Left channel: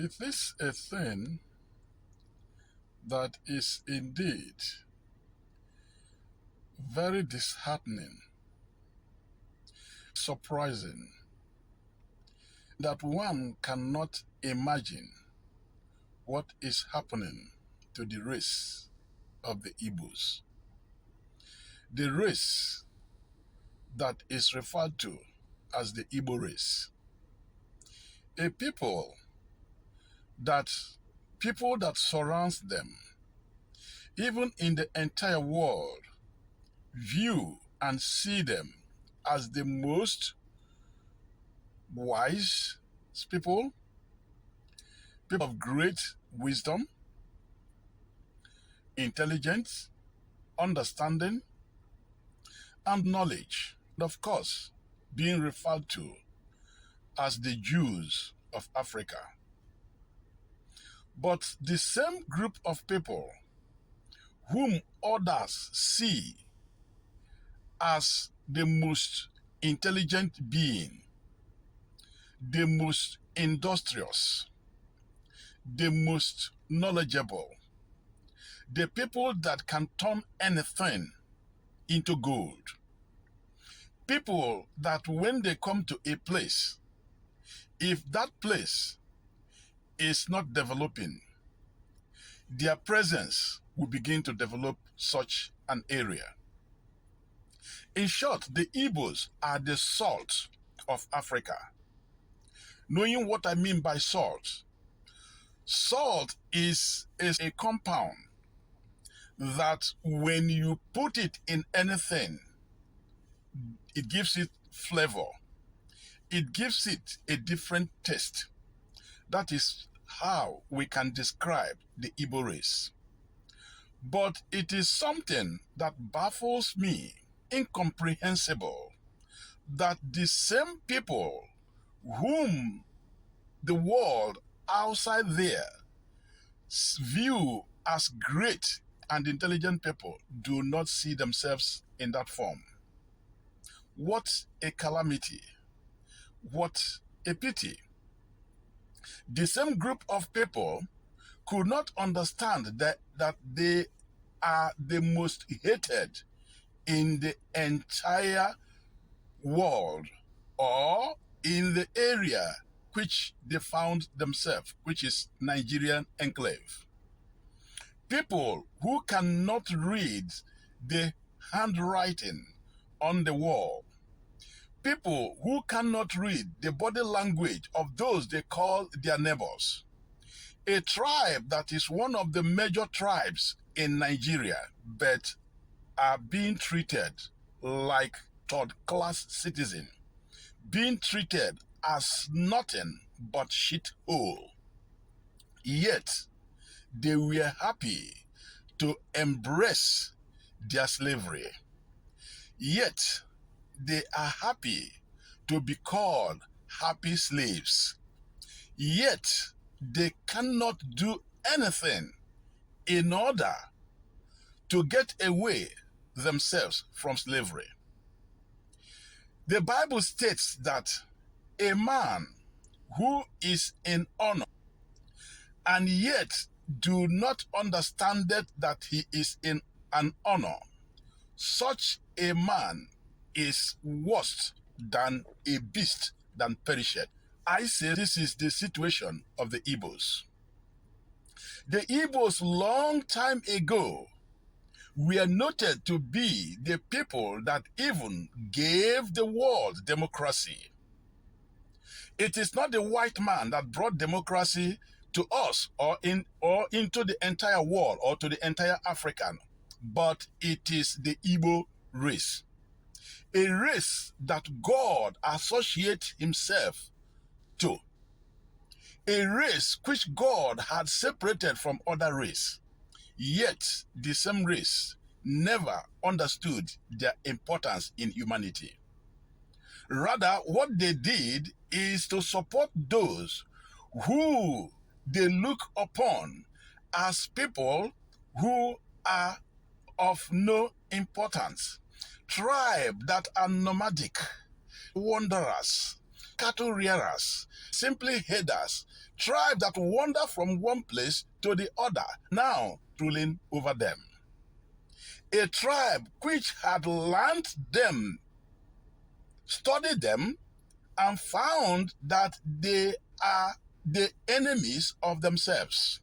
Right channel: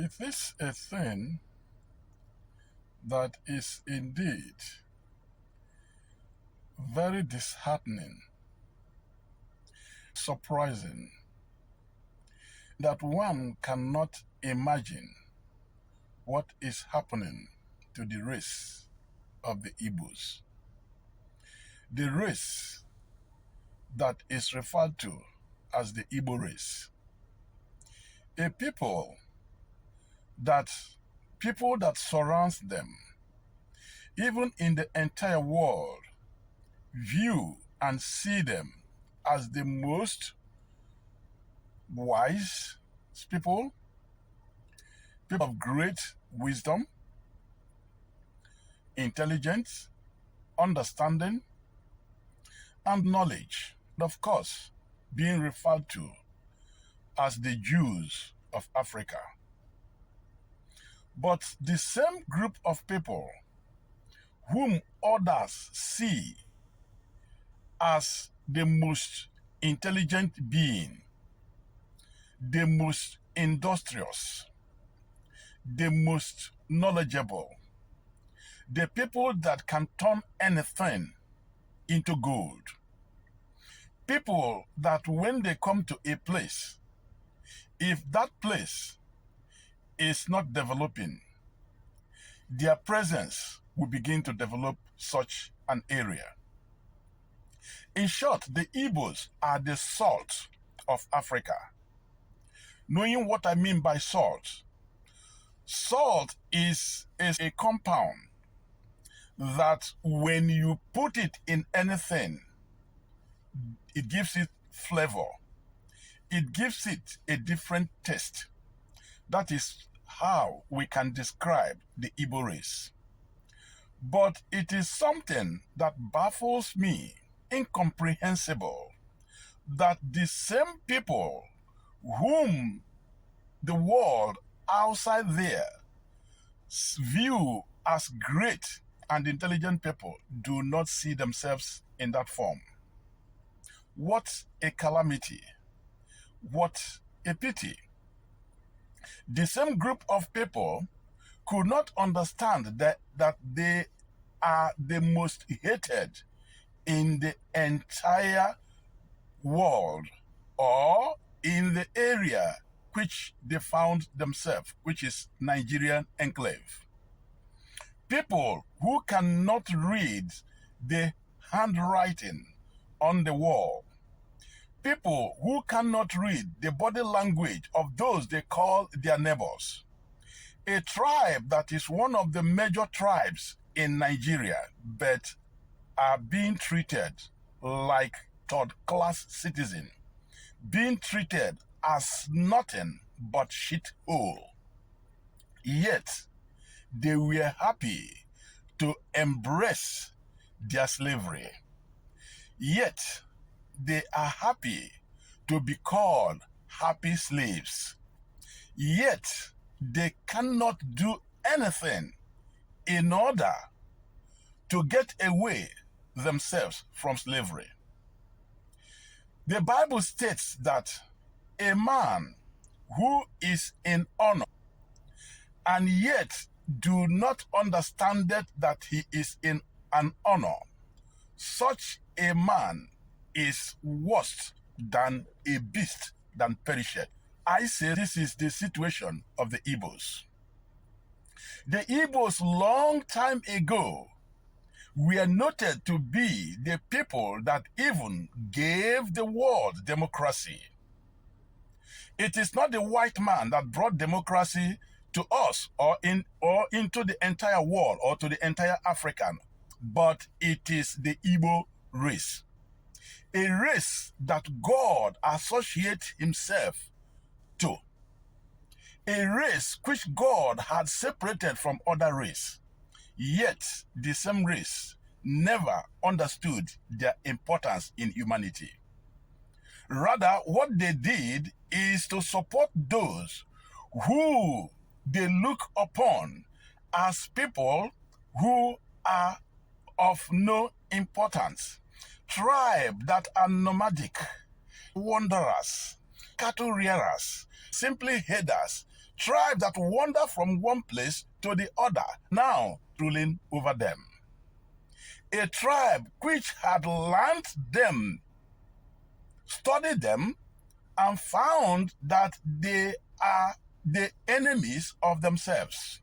It is a thing that is indeed very disheartening, surprising, that one cannot imagine what is happening to the race of the Igbos. The race that is referred to as the Igbo race. A people that surrounds them, even in the entire world, view and see them as the most wise people of great wisdom, intelligence, understanding, and knowledge. And of course, being referred to as the Jews of Africa. But the same group of people whom others see as the most intelligent being, the most industrious, the most knowledgeable, the people that can turn anything into gold, people that when they come to a place, if that place is not developing, their presence will begin to develop such an area. In short, the Igbos are the salt of Africa. Knowing what I mean by salt, salt is a compound that when you put it in anything, it gives it flavor. It gives it a different taste. That is how we can describe the Igbo race. But it is something that baffles me, incomprehensible, that the same people whom the world outside there view as great and intelligent people do not see themselves in that form. What a calamity. What a pity. The same group of people could not understand that they are the most hated in the entire world or in the area which they found themselves, which is Nigerian enclave. People who cannot read the handwriting on the wall. People who cannot read the body language of those they call their neighbors. A tribe that is one of the major tribes in Nigeria, but are being treated like third-class citizens, being treated as nothing but shithole. Yet, they were happy to embrace their slavery. Yet, they are happy to be called happy slaves. Yet, they cannot do anything in order to get away themselves from slavery. The Bible states that a man who is in honor and yet do not understand that he is in an honor, such a man is worse than a beast than perisheth. I say this is the situation of the Igbos. The Igbos long time ago were noted to be the people that even gave the world democracy. It is not the white man that brought democracy to us or into the entire world or to the entire African, but it is the Igbo race. A race that God associates himself to. A race which God had separated from other race. Yet the same race never understood their importance in humanity. Rather, what they did is to support those who they look upon as people who are of no importance. Tribe that are nomadic, wanderers, cattle rearers, simply herders, tribe that wander from one place to the other, now ruling over them. A tribe which had learned them, studied them, and found that they are the enemies of themselves.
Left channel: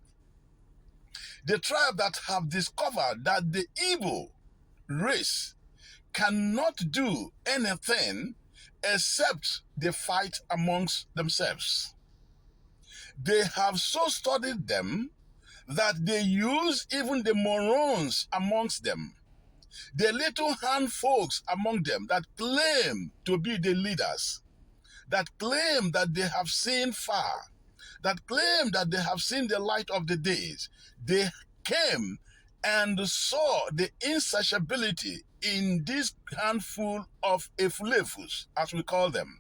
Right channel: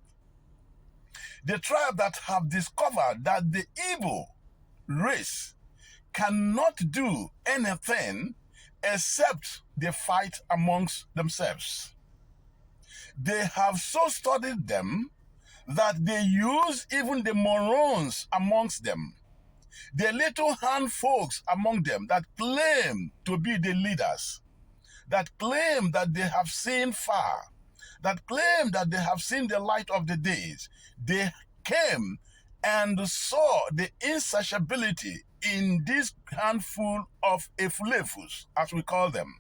The tribe that have discovered that the Igbo race cannot do anything except they fight amongst themselves. They have so studied them that they use even the morons amongst them, the little hand folks among them that claim to be the leaders, that claim that they have seen far, that claim that they have seen the light of the days. They came and saw the insatiability in this handful of efulefus, as we call them,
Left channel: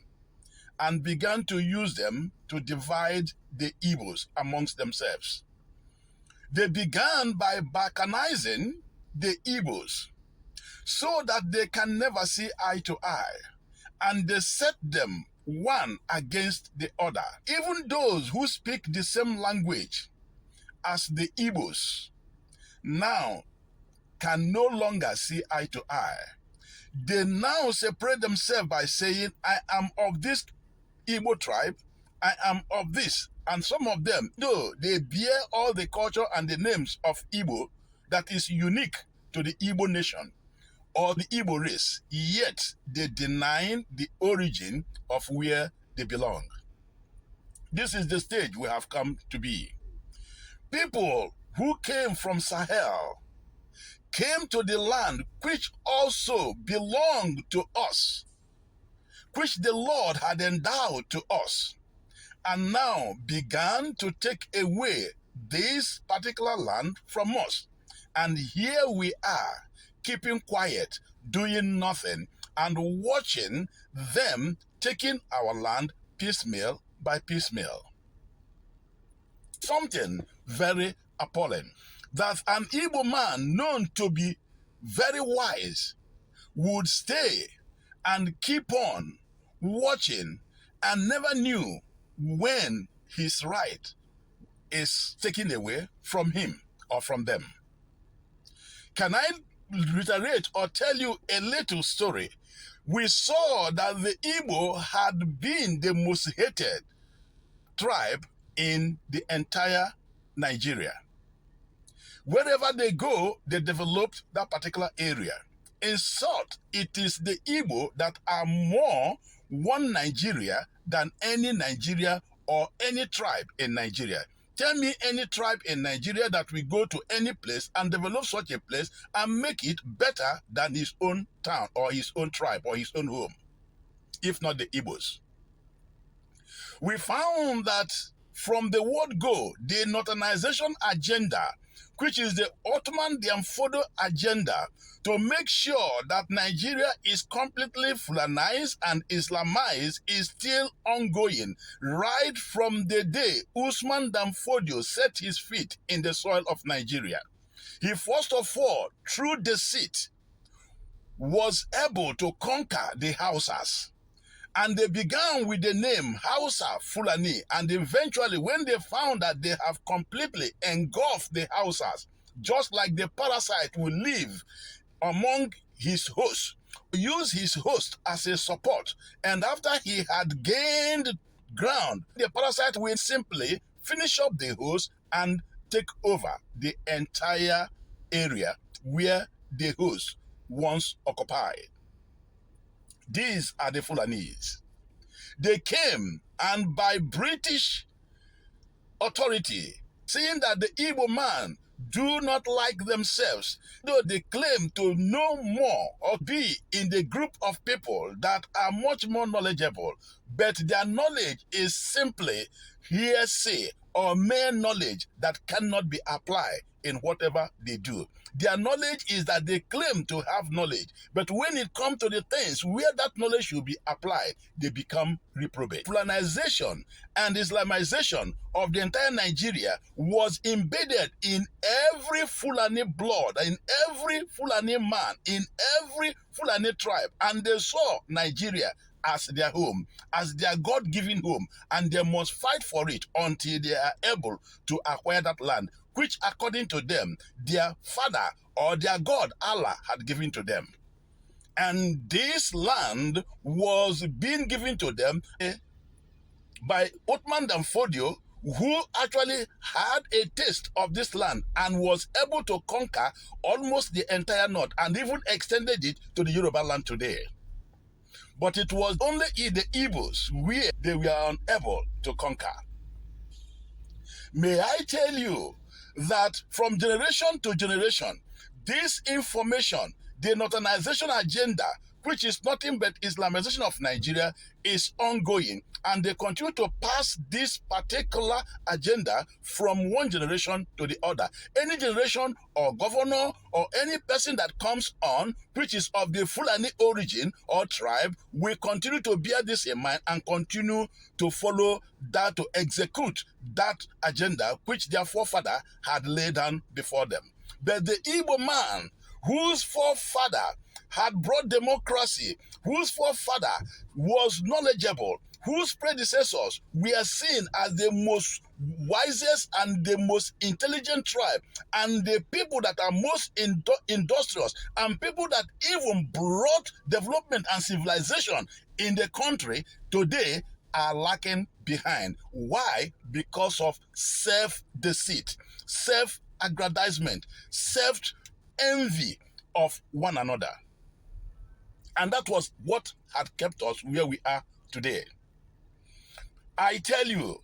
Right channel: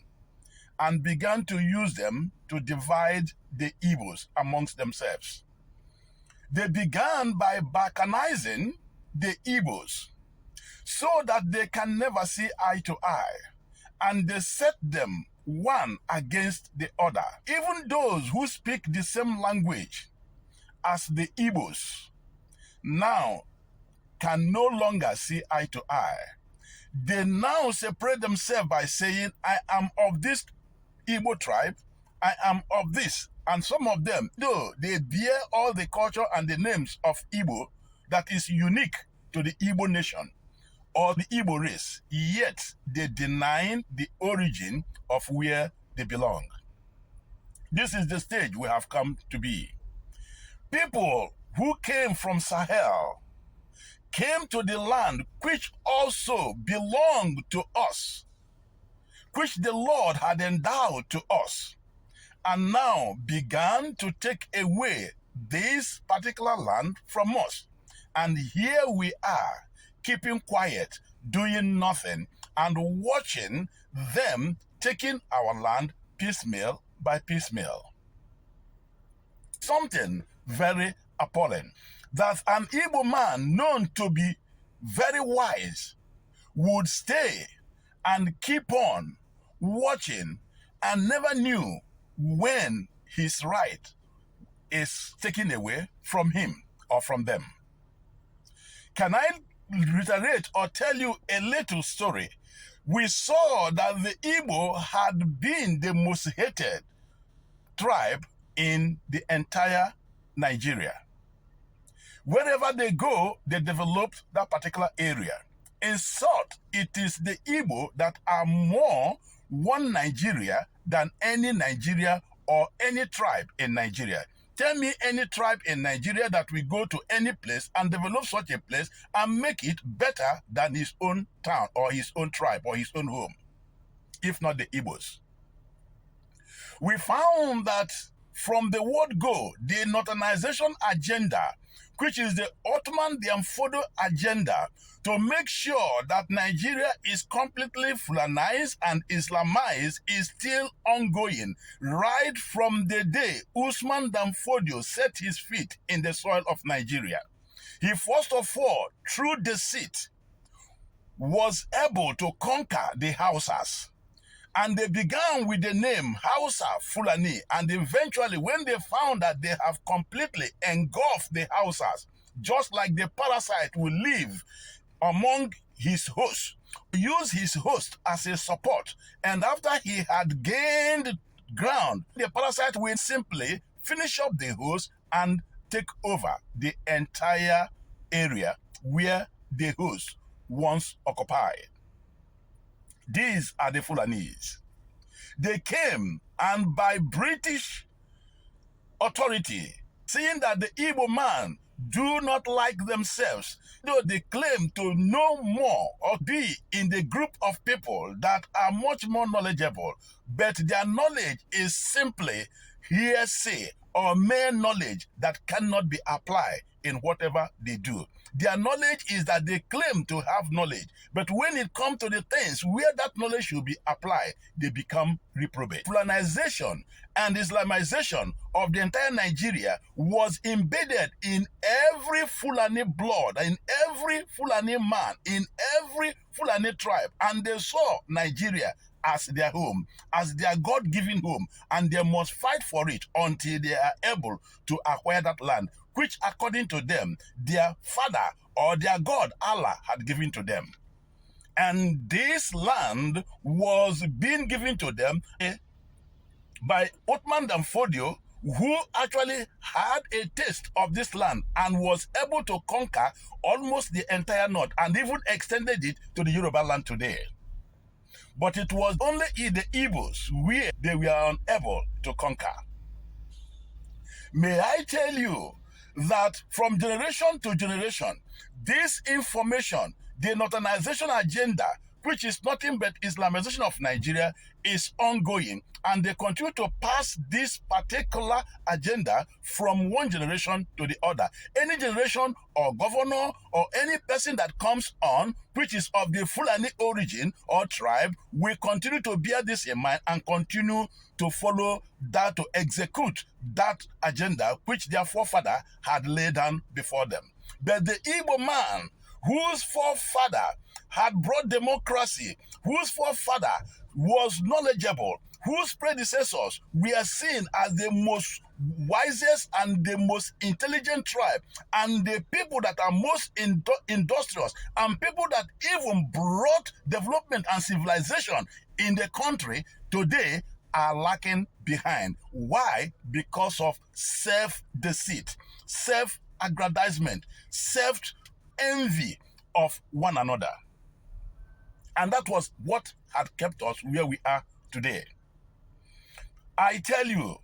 and began to use them to divide the Igbos amongst themselves. They began by balkanizing the Igbos so that they can never see eye to eye, and they set them one against the other. Even those who speak the same language as the Igbos now can no longer see eye to eye. They now separate themselves by saying, I am of this Igbo tribe, I am of this. And some of them, though they bear all the culture and the names of Igbo that is unique to the Igbo nation or the Igbo race, yet they deny the origin of where they belong. This is the stage we have come to be. People who came from Sahel came to the land which also belonged to us, which the Lord had endowed to us, and now began to take away this particular land from us. And here we are, keeping quiet, doing nothing, and watching them taking our land piecemeal by piecemeal. Something very appalling, that an Igbo man known to be very wise would stay and keep on watching and never knew when his right is taken away from him or from them. Can I reiterate or tell you a little story? We saw that the Igbo had been the most hated tribe in the entire Nigeria. Wherever they go, they developed that particular area. In short, it is the Igbo that are more one Nigeria than any Nigeria or any tribe in Nigeria. Tell me any tribe in Nigeria that will go to any place and develop such a place and make it better than his own town or his own tribe or his own home, if not the Igbos. We found that from the word go, the northernization agenda, which is the Ottoman Diamfodo agenda, to make sure that Nigeria is completely Fulanized and Islamized, is still ongoing right from the day Usman Danfodio set his feet in the soil of Nigeria. He first of all, through deceit, was able to conquer the Hausas. And they began with the name Hausa Fulani, and eventually when they found that they have completely engulfed the Hausas, just like the parasite will live among his host, use his host as a support, and after he had gained ground, the parasite will simply finish up the host and take over the entire area where the host once occupied. These are the Fulanese. They came, and by British authority, seeing that the Igbo man do not like themselves, though they claim to know more or be in the group of people that are much more knowledgeable, but their knowledge is simply hearsay or mere knowledge that cannot be applied in whatever they do. Their knowledge is that they claim to have knowledge, but when it comes to the things where that knowledge should be applied, they become reprobate. Fulanization and Islamization of the entire Nigeria was embedded in every Fulani blood, in every Fulani man, in every Fulani tribe, and they saw Nigeria as their home, as their God-given home, and they must fight for it until they are able to acquire that land, which according to them, their father or their God, Allah, had given to them. And this land was being given to them by Othman Dan Fodio, who actually had a taste of this land and was able to conquer almost the entire north and even extended it to the Yoruba land today. But it was only the Igbos where they were unable to conquer. May I tell you that from generation to generation, this information, the northernization agenda, which is nothing but Islamization of Nigeria, is ongoing, and they continue to pass this particular agenda from one generation to the other. Any generation or governor or any person that comes on, which is of the Fulani origin or tribe, will continue to bear this in mind and continue to follow that, to execute that agenda which their forefather had laid down before them. But the Igbo man, whose forefather had brought democracy, whose forefather was knowledgeable, whose predecessors were seen as the most wisest and the most intelligent tribe, and the people that are most industrious, and people that even brought development and civilization in the country, today are lacking behind. Why? Because of self-deceit, self-aggrandizement, self-envy of one another. And that was what had kept us where we are today. I tell you,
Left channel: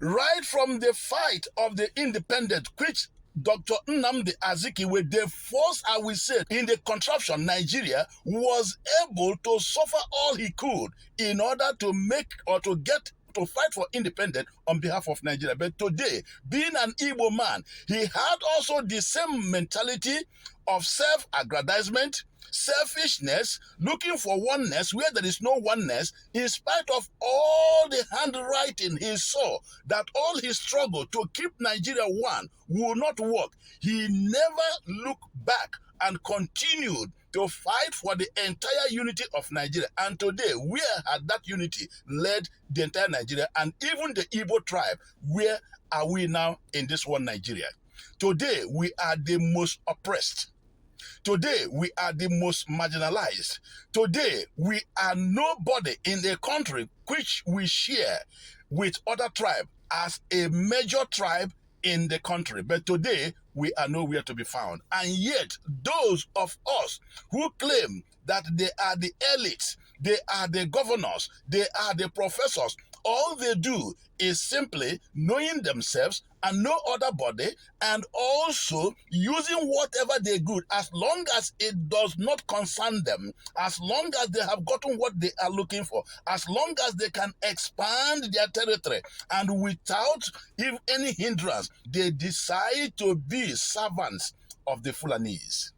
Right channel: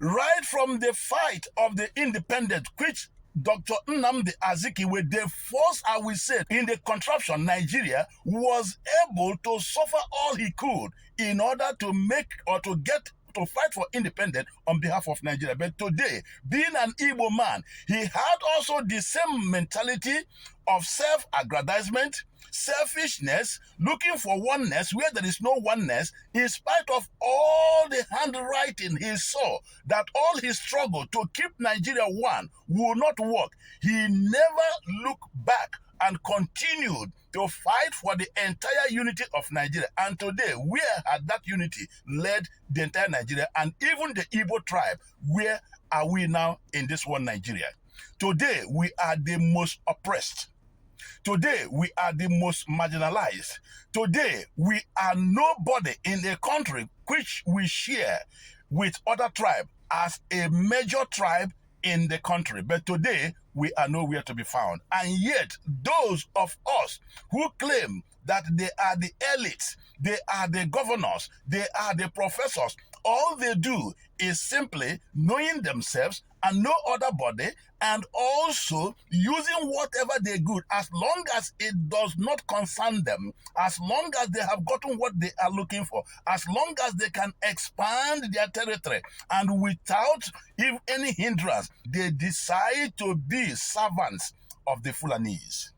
right from the fight of the independence, which Dr. Nnamdi Azikiwe, the first, I will say, in the contraption, Nigeria, was able to suffer all he could in order to make or to get to fight for independence on behalf of Nigeria. But today, being an Igbo man, he had also the same mentality of self-aggrandizement, selfishness, looking for oneness where there is no oneness, in spite of all the handwriting he saw that all his struggle to keep Nigeria one will not work. He never looked back and continued to fight for the entire unity of Nigeria. And today, where had that unity led the entire Nigeria and even the Igbo tribe? Where are we now in this one Nigeria? Today, we are the most oppressed. Today, we are the most marginalized. Today, we are nobody in a country which we share with other tribes as a major tribe in the country. But today, we are nowhere to be found. And yet, those of us who claim that they are the elites, they are the governors, they are the professors, all they do is simply knowing themselves and no other body, and also using whatever they good, as long as it does not concern them, as long as they have gotten what they are looking for, as long as they can expand their territory, and without any hindrance, they decide to be servants of the Fulanese.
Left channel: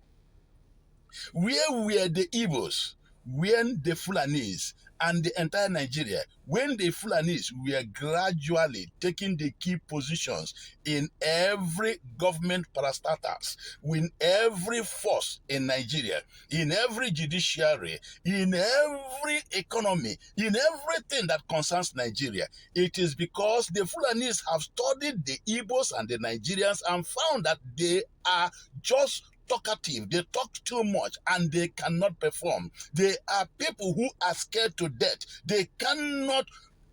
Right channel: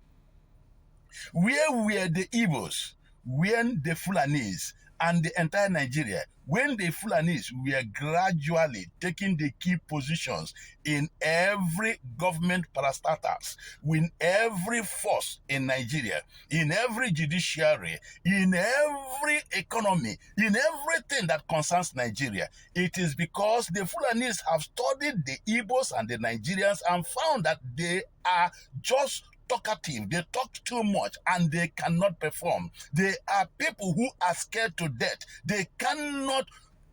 Where were the Igbos when the Fulanese and the entire Nigeria, when the Fulanese were gradually taking the key positions in every government parastatals, in every force in Nigeria, in every judiciary, in every economy, in everything that concerns Nigeria? It is because the Fulanese have studied the Igbos and the Nigerians and found that they are just talkative, they talk too much, and they cannot perform. They are people who are scared to death. They cannot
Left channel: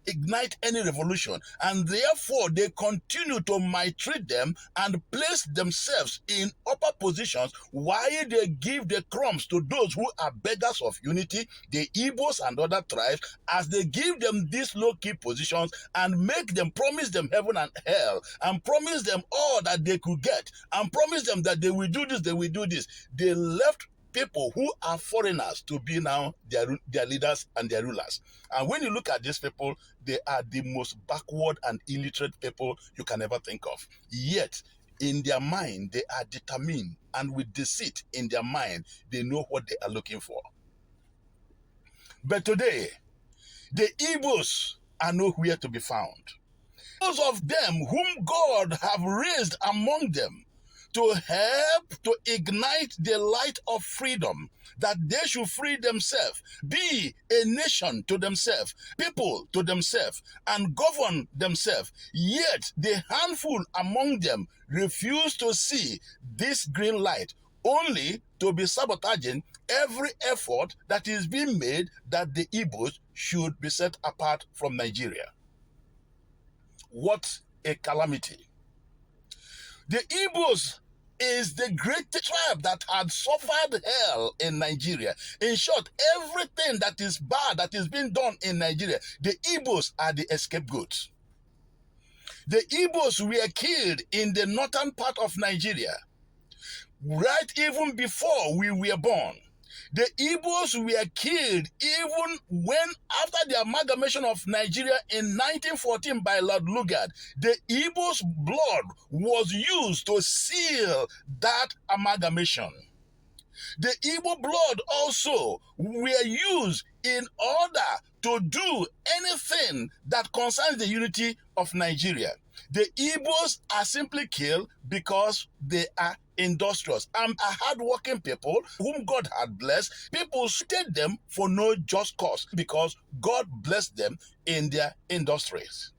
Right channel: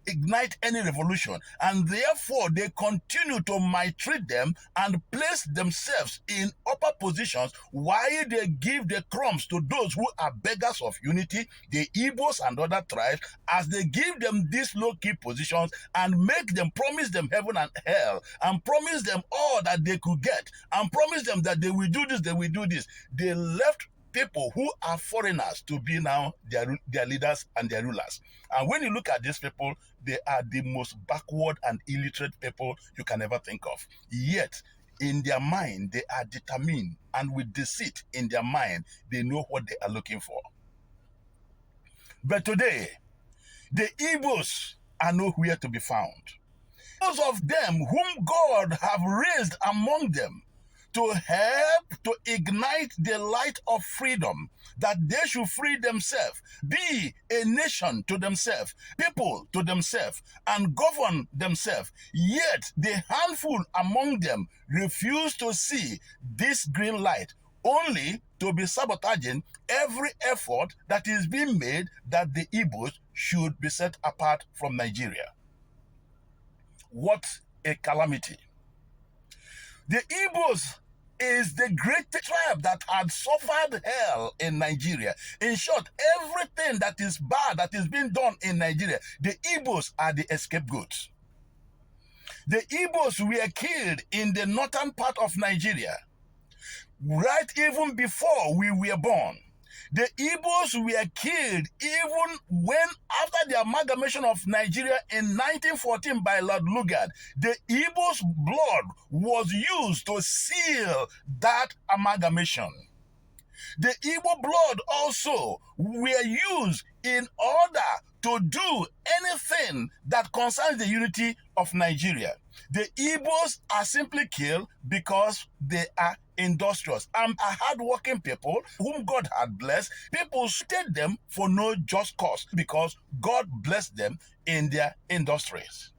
ignite any revolution, and therefore they continue to maltreat them and place themselves in upper positions while they give the crumbs to those who are beggars of unity, the Igbos and other tribes, as they give them these low-key positions and make them, promise them heaven and hell, and promise them all that they could get, and promise them that they will do this, they will do this. They left people who are foreigners to be now their leaders and their rulers. And when you look at these people, they are the most backward and illiterate people you can ever think of. Yet, in their mind, they are determined, and with deceit in their mind, they know what they are looking for. But today, the Igbos are nowhere to be found. Those of them whom God have raised among them to help to ignite the light of freedom, that they should free themselves, be a nation to themselves, people to themselves, and govern themselves. Yet the handful among them refuse to see this green light, only to be sabotaging every effort that is being made that the Igbos should be set apart from Nigeria. What a calamity. The Igbos is the greatest tribe that had suffered hell in Nigeria. In short, everything that is bad that is being done in Nigeria, the Igbos are the scapegoats. The Igbos were killed in the northern part of Nigeria, right even before we were born. The Igbos were killed even when, after the amalgamation of Nigeria in 1914 by Lord Lugard, the Igbos' blood was used to seal that amalgamation. The Igbo blood also were used in order to do anything that concerns the unity of Nigeria. The Igbos are simply killed because they are industrious and are hardworking people whom God had blessed. People hated them for no just cause because God blessed them in their industries.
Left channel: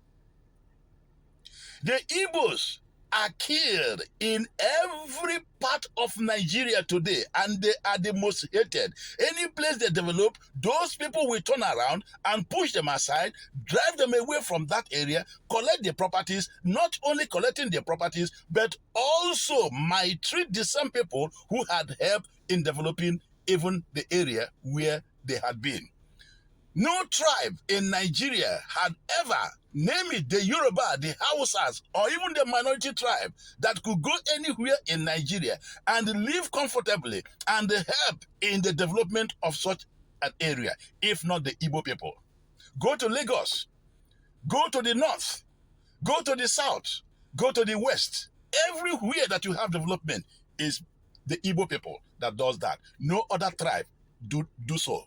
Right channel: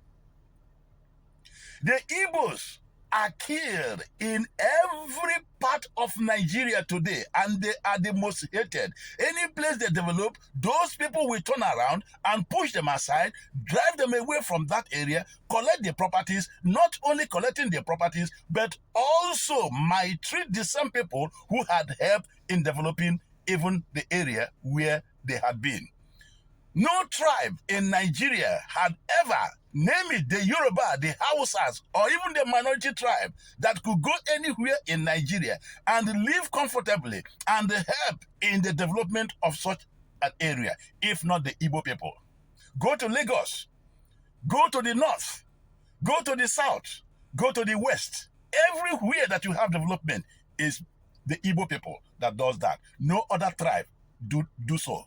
The Igbos are killed in every part of Nigeria today, and they are the most hated. Any place they develop, those people will turn around and push them aside, drive them away from that area, collect their properties, not only collecting their properties, but also might treat the same people who had helped in developing even the area where they had been. No tribe in Nigeria had ever, name it the Yoruba, the Hausas, or even the minority tribe, that could go anywhere in Nigeria and live comfortably and help in the development of such an area, if not the Igbo people. Go to Lagos, go to the north, go to the south, go to the west. Everywhere that you have development is the Igbo people that does that. No other tribe do so.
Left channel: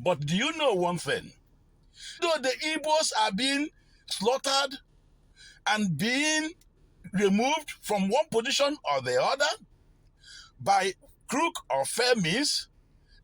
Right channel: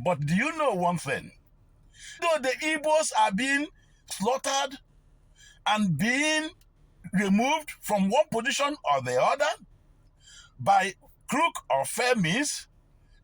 But do you know one thing? Though the Igbos are being slaughtered and being removed from one position or the other by crook or fair means,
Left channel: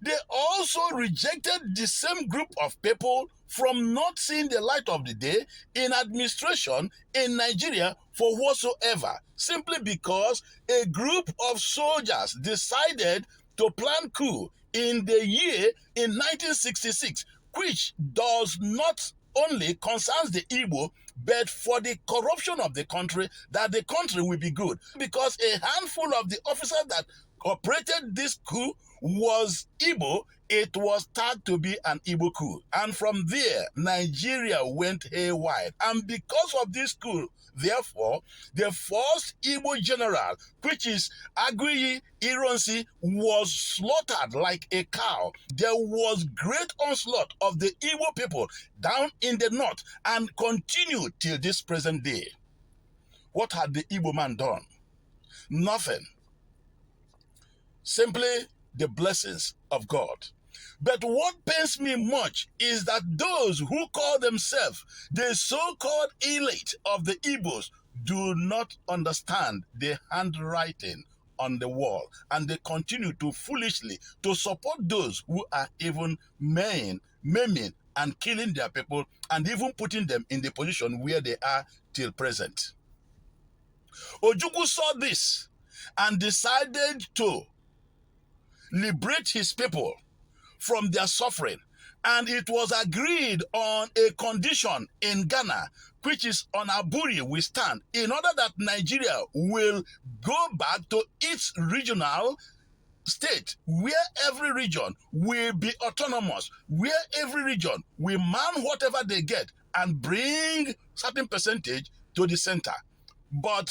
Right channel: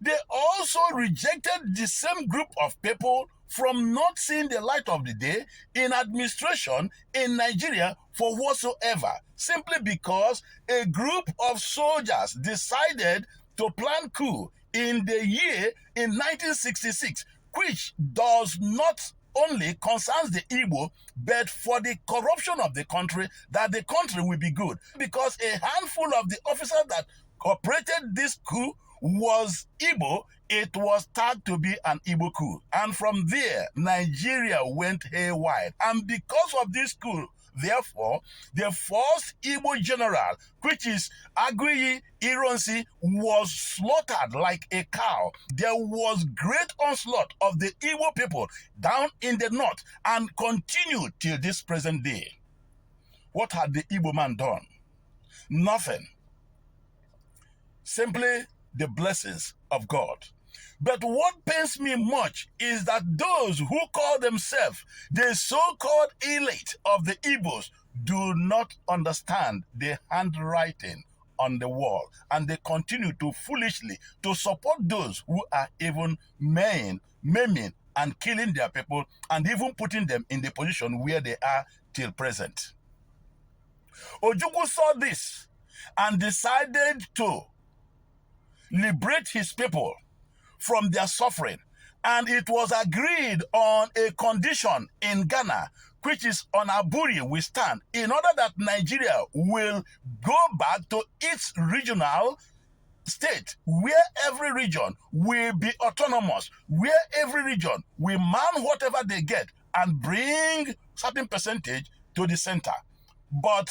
they also rejected the same group of people from not seeing the light of the day in administration in Nigeria for whatsoever, simply because a group of soldiers decided to plan coup in the year in 1966, which does not only concerns the Igbo, but for the corruption of the country, that the country will be good. Because a handful of the officers that operated this coup was Igbo, it was tagged to be an Igbo coup. And from there, Nigeria went haywire. And because of this coup, therefore, the first Igbo general, which is Aguiyi Ironsi, was slaughtered like a cow. There was great onslaught of the Igbo people down in the north and continued till this present day. What had the Igbo man done? Nothing. Simply the blessings of God. But what pains me much is that those who call themselves the so-called elite of the Igbos do not understand the handwriting on the wall, and they continue to foolishly to support those who are even maiming and killing their people and even putting them in the position where they are till present. Ojukwu saw this and decided to liberate his people from their suffering, and it was agreed on a condition in Ghana, which is on Aburi we stand, in order that Nigeria will go back to its regional state, where every region will be autonomous, where every region will man whatever they get and bring certain percentage to the center. But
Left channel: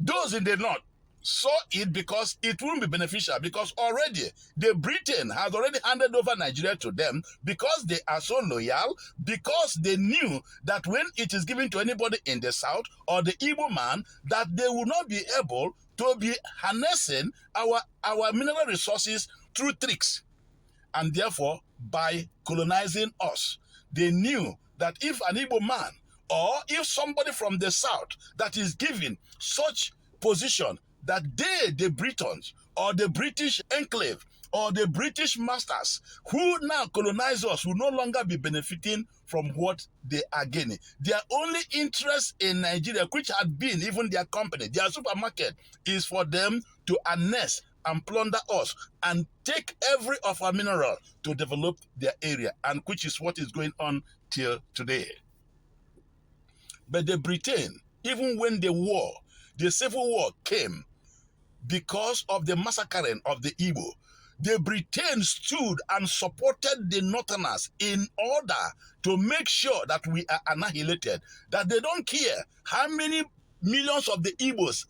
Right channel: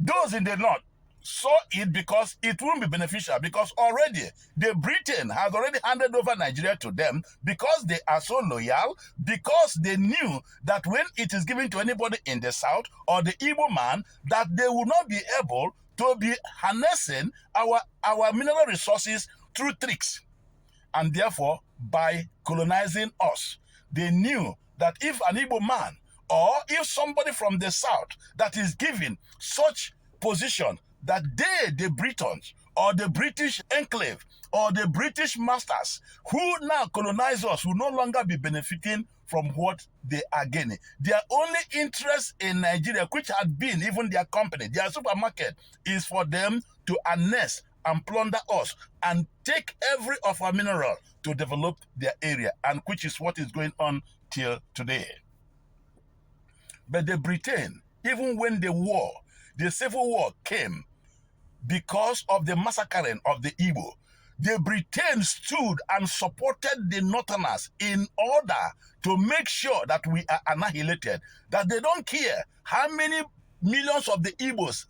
those in the north saw it because it wouldn't be beneficial, because already the Britain has already handed over Nigeria to them, because they are so loyal, because they knew that when it is given to anybody in the south or the Igbo man, that they will not be able to be harnessing our mineral resources through tricks. And therefore, by colonizing us, they knew that if an Igbo man or if somebody from the south that is given such position, that they, the Britons, or the British enclave or the British masters who now colonize us will no longer be benefiting from what they are gaining. Their only interest in Nigeria, which had been even their company, their supermarket, is for them to annex and plunder us and take every of our mineral to develop their area, and which is what is going on till today. But the Britain, even when the civil war came, because of the massacring of the Igbo, the Britain stood and supported the Northerners in order to make sure that we are annihilated, that they don't care how many millions of the Igbos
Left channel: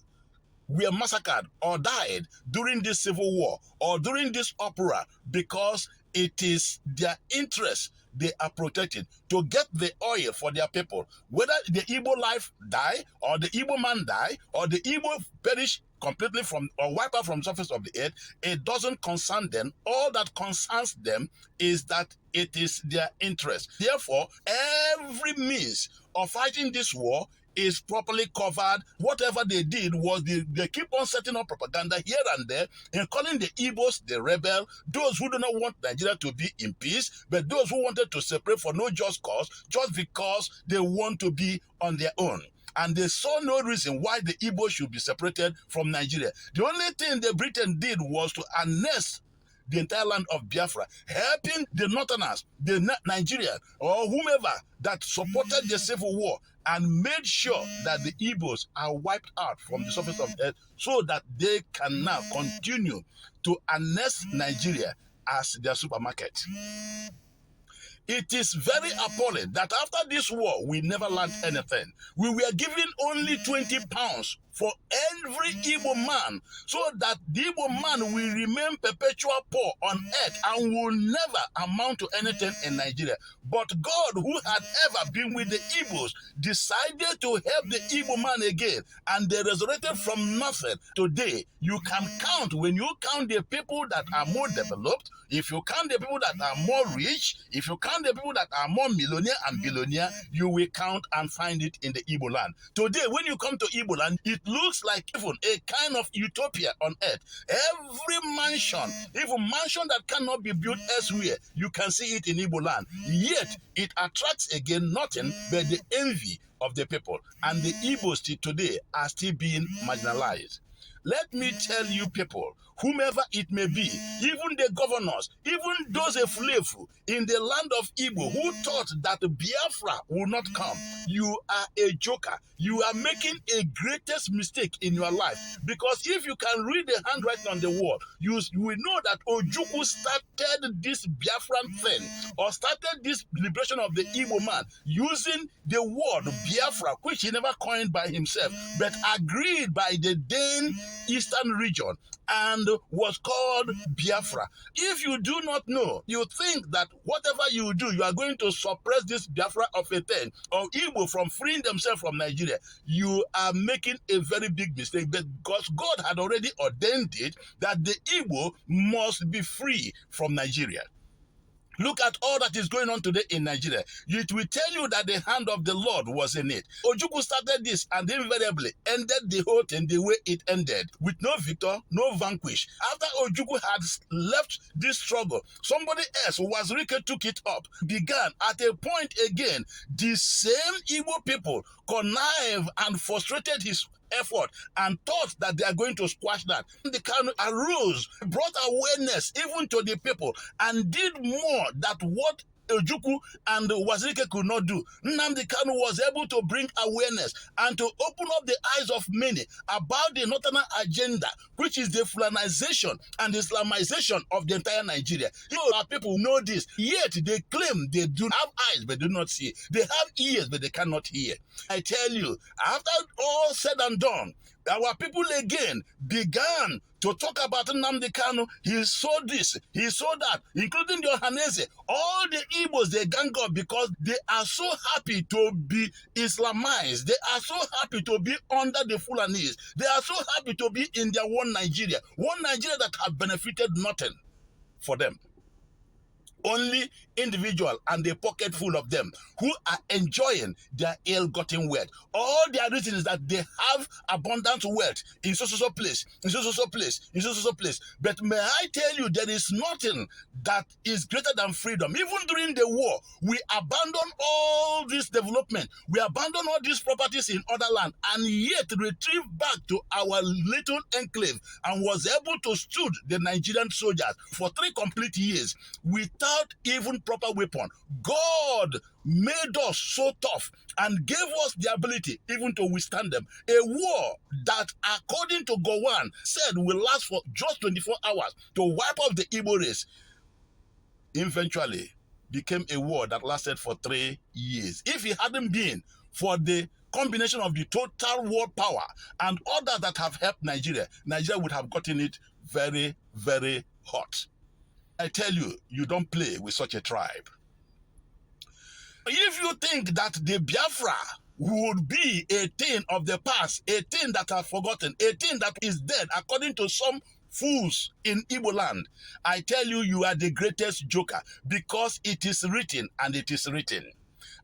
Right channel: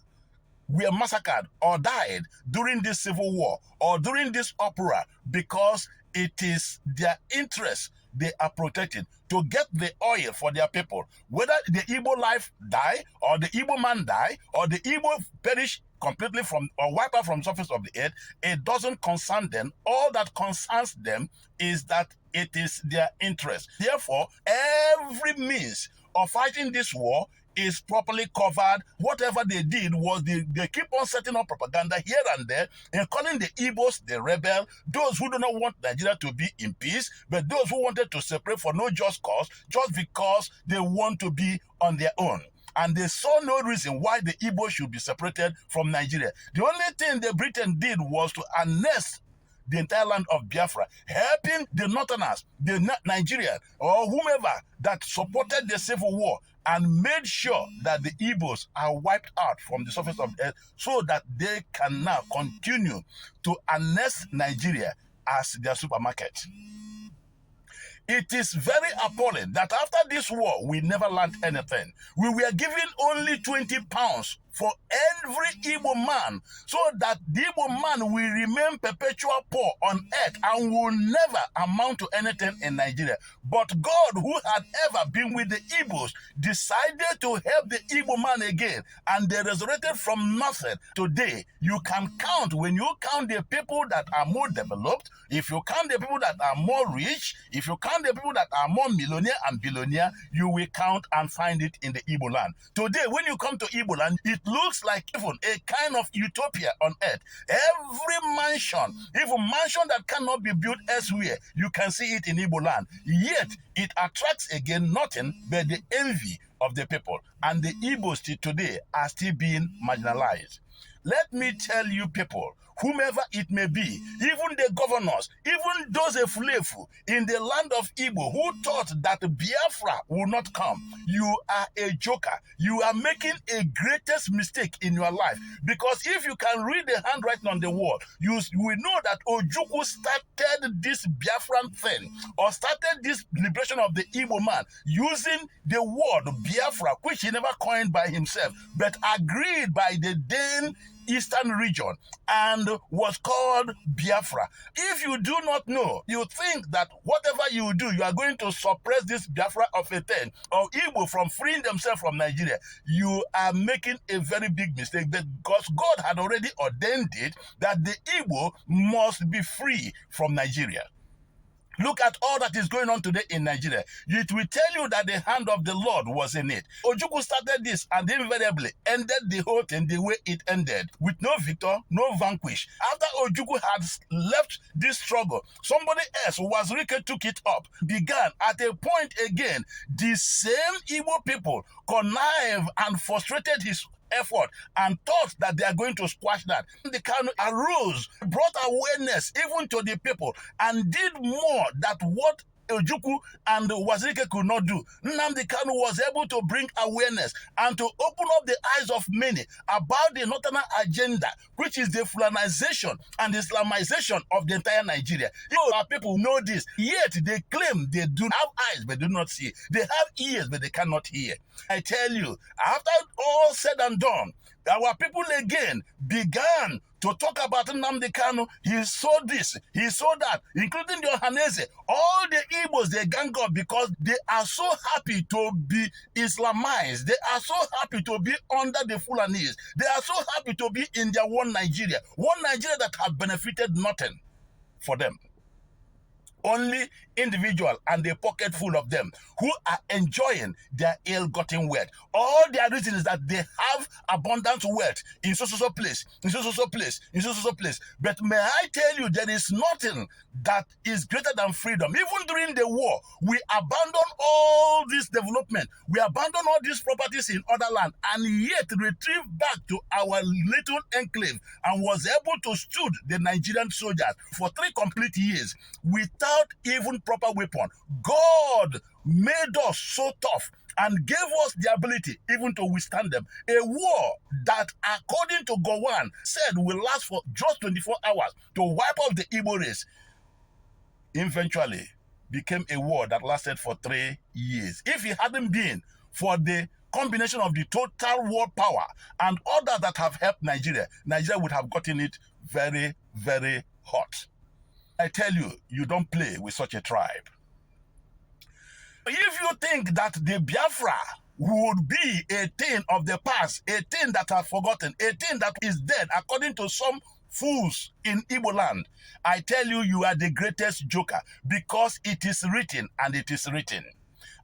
were massacred or died during this civil war or during this opera, because it is their interest they are protecting to get the oil for their people. Whether the Igbo life die or the Igbo man die or the Igbo perish completely from or wipe out from the surface of the earth, it doesn't concern them. All that concerns them is that it is their interest. Therefore, every means of fighting this war is properly covered. Whatever they did was they keep on setting up propaganda here and there and calling the Igbos the rebel, those who do not want Nigeria to be in peace, but those who wanted to separate for no just cause, just because they want to be on their own. And they saw no reason why the Igbo should be separated from Nigeria. The only thing the Britain did was to annex the entire land of Biafra, helping the Northerners, the Nigerian or whomever that supported the civil war, and made sure that the Igbos are wiped out from the surface of the earth so that they can now continue to annex Nigeria as their supermarket. It is very appalling that after this war, we never learned anything. We were given only 20 pounds for every Igbo man, so that the Igbo man will remain perpetual poor on earth and will never amount to anything in Nigeria. But God, who had ever been with the Igbos, decided to help the Igbo man again, and they resurrected from nothing. Today, you can count, when you count the people that are more developed, if you count the people that are more rich, if you count the people that are more millionaire and billionaire, you will count and find it in the Igbo land. Today, when you come to Igbo land, it looks like even a kind of utopia on earth. Every mansion, even mansion that cannot be built elsewhere, you can see it in Igbo land. Yet, it attracts again nothing but the envy of the people. And the Igbos today are still being marginalized. Let me tell you people, whomever it may be, even the governors, even those Efulefu in the land of Igbo who thought that Biafra will not come, you are a joker. You are making a greatest mistake in your life. Because if you can read the handwriting on the wall, you will know that Ojukwu started this Biafran thing, or started this liberation of the Igbo man, using the word Biafra, which he never coined by himself, but agreed by the then Eastern region, and was called Biafra. If you do not know, you think that whatever you do, you are going to suppress this Biafra of a thing, or Igbo from freeing themselves from Nigeria. You are making a very big mistake, because God had already ordained it that the Igbo must be free from Nigeria. Look at all that is going on today in Nigeria. It will tell you that the hand of the Lord was in it. Ojukwu started this and invariably ended the whole thing the way it ended, with no victor, no vanquish. After Ojukwu had left this struggle, somebody else, Wazirike, took it up, began at a point again. The same Igbo people connived and frustrated his effort and thought that they are going to squash that. The Kanu arose, brought awareness even to the people, and did more than what Ojukwu and Wazirike could not do. Nnamdi Kanu was able to bring awareness and to open up the eyes of many about the Northern agenda, which is the Fulanization and Islamization of the entire Nigeria. Our people know this, yet they claim they do have eyes but do not see. They have ears but they cannot hear. I tell you, after all said and done, our people again began to talk about Nnamdi Kanu. He saw this, he saw that, including the Ohanese. All the Igbos, they gang up because they are so happy to be Islamized. They are so happy to be under the Fulanese. They are so happy to be in their one Nigeria that have benefited nothing for them. only individual and a pocket full of them who are enjoying their ill-gotten wealth. All their reason is that they have abundant wealth in so place, in so place, in so place. But may I tell you, there is nothing that is greater than freedom. Even during the war, we abandoned all this development. We abandoned all these properties in other land and yet retrieved back to our little enclave and was able to stood the Nigerian soldiers for 3 complete years without even proper weapon. God made us so tough and gave us the ability even to withstand them. A war that, according to Gowon, said will last for just 24 hours to wipe off the Igbo race, eventually became a war that lasted for 3 years. If it hadn't been for the combination of the total world power and others that have helped Nigeria, Nigeria would have gotten it very, very hot. I tell you, you don't play with such a tribe. If you think that the Biafra would be a thing of the past, a thing that are forgotten, a thing that is dead, according to some fools in Igbo land, I tell you, you are the greatest joker, because it is written and it is written.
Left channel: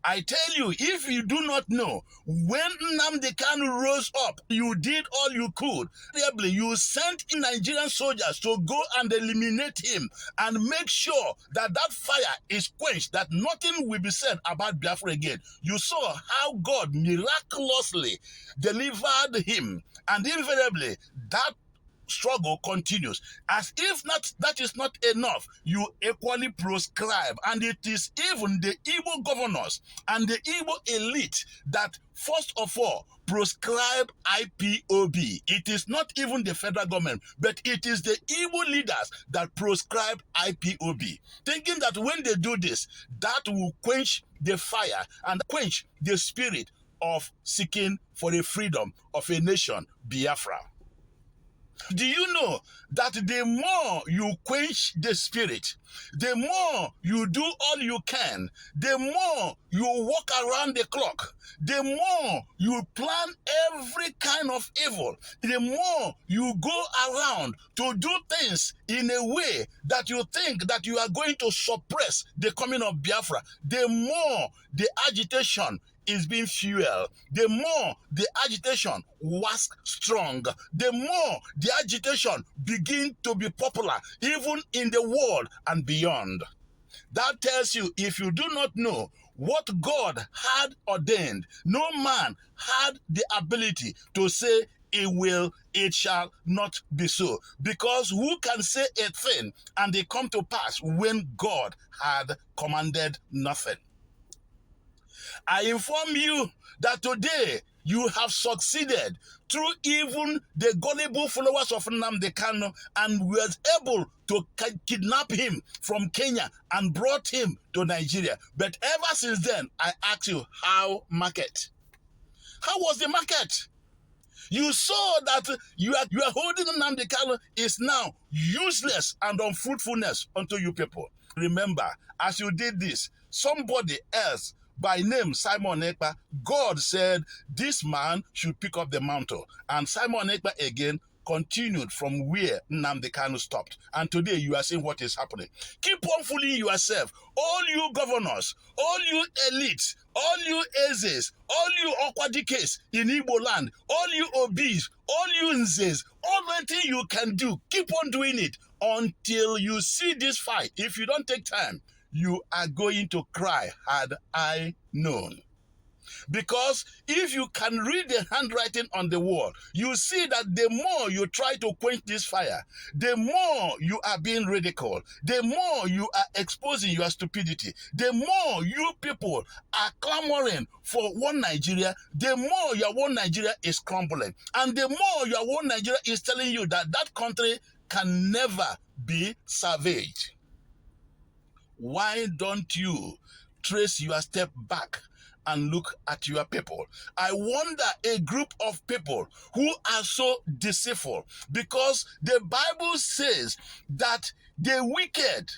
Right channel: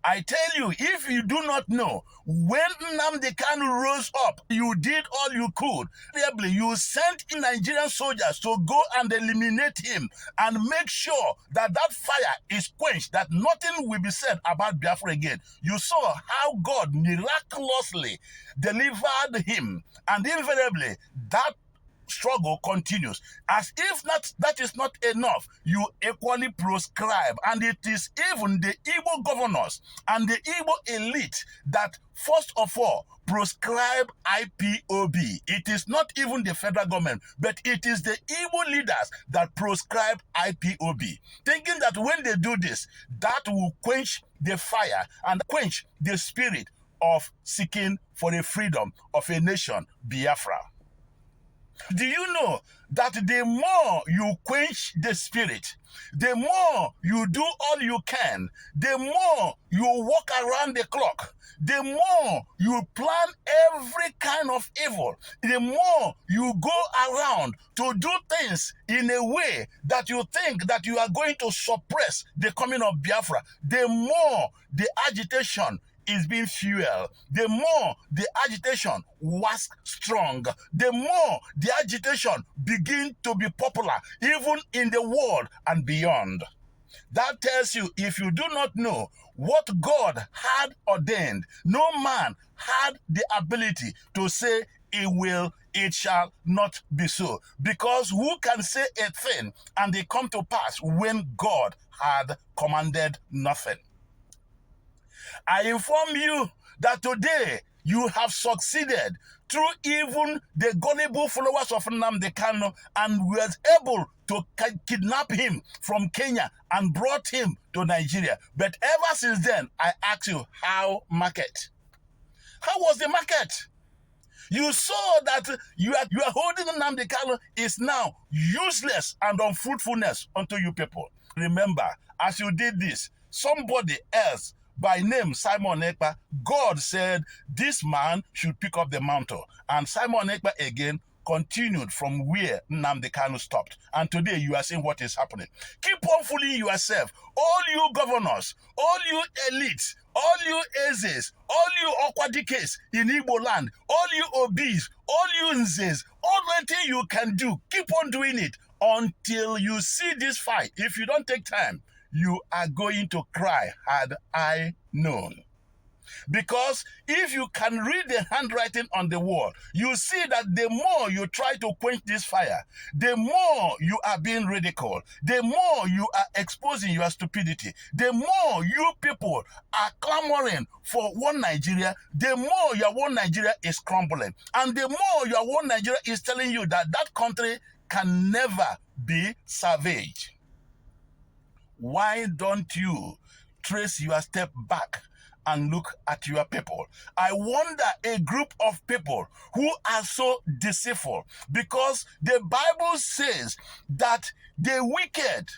I tell you, if you do not know, when Nnamdi Kanu rose up, you did all you could. You sent in Nigerian soldiers to go and eliminate him and make sure that that fire is quenched, that nothing will be said about Biafra again. You saw how God miraculously delivered him, and invariably that struggle continues. As if that is not enough, you equally proscribe, and it is even the Igbo governors and the Igbo elite that first of all proscribe IPOB. It is not even the federal government, but it is the Igbo leaders that proscribe IPOB, thinking that when they do this, that will quench the fire and quench the spirit of seeking for the freedom of a nation, Biafra. Do you know that the more you quench the spirit, the more you do all you can, the more you walk around the clock, the more you plan every kind of evil, the more you go around to do things in a way that you think that you are going to suppress the coming of Biafra, the more the agitation is being fueled, the more the agitation was strong, the more the agitation begin to be popular, even in the world and beyond. That tells you, if you do not know what God had ordained, no man had the ability to say it shall not be so. Because who can say a thing and it come to pass when God had commanded nothing? I inform you that today you have succeeded through even the gullible followers of Nnamdi Kanu, and was able to kidnap him from Kenya and brought him to Nigeria. But ever since then, I ask you, how market? How was the market? You saw that you are holding Nnamdi Kanu is now useless and unfruitfulness unto you people. Remember, as you did this, somebody else by name Simon Ekpa, God said this man should pick up the mantle. And Simon Ekpa again continued from where Nnamdi Kanu stopped. And today you are seeing what is happening. Keep on fooling yourself. All you governors, all you elites, all you Ezes, all you Okwadikes in Igbo land, all you Obis, all you Nzes, all the thing you can do, keep on doing it until you see this fight. If you don't take time, you are going to cry, had I known. Because if you can read the handwriting on the wall, you see that the more you try to quench this fire, the more you are being ridiculed, the more you are exposing your stupidity, the more you people are clamoring for one Nigeria, the more your one Nigeria is crumbling. And the more your one Nigeria is telling you that that country can never be savaged. Why don't you trace your step back and look at your people? I wonder a group of people who are so deceitful, because the Bible says that the wicked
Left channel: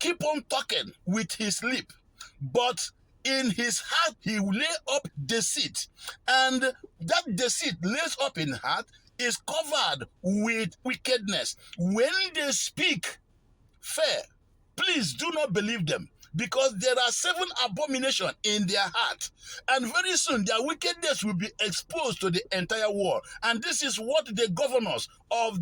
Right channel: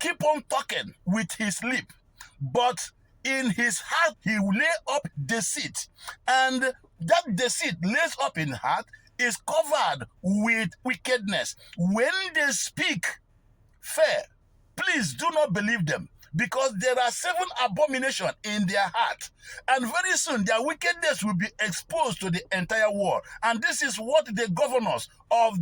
keep on talking with his lip, but in his heart he will lay up deceit, and that deceit lays up in heart is covered with wickedness. When they speak fair, Please do not believe them, because there are 7 abominations in their heart, and very soon their wickedness will be exposed to the entire world. And this is what the governors of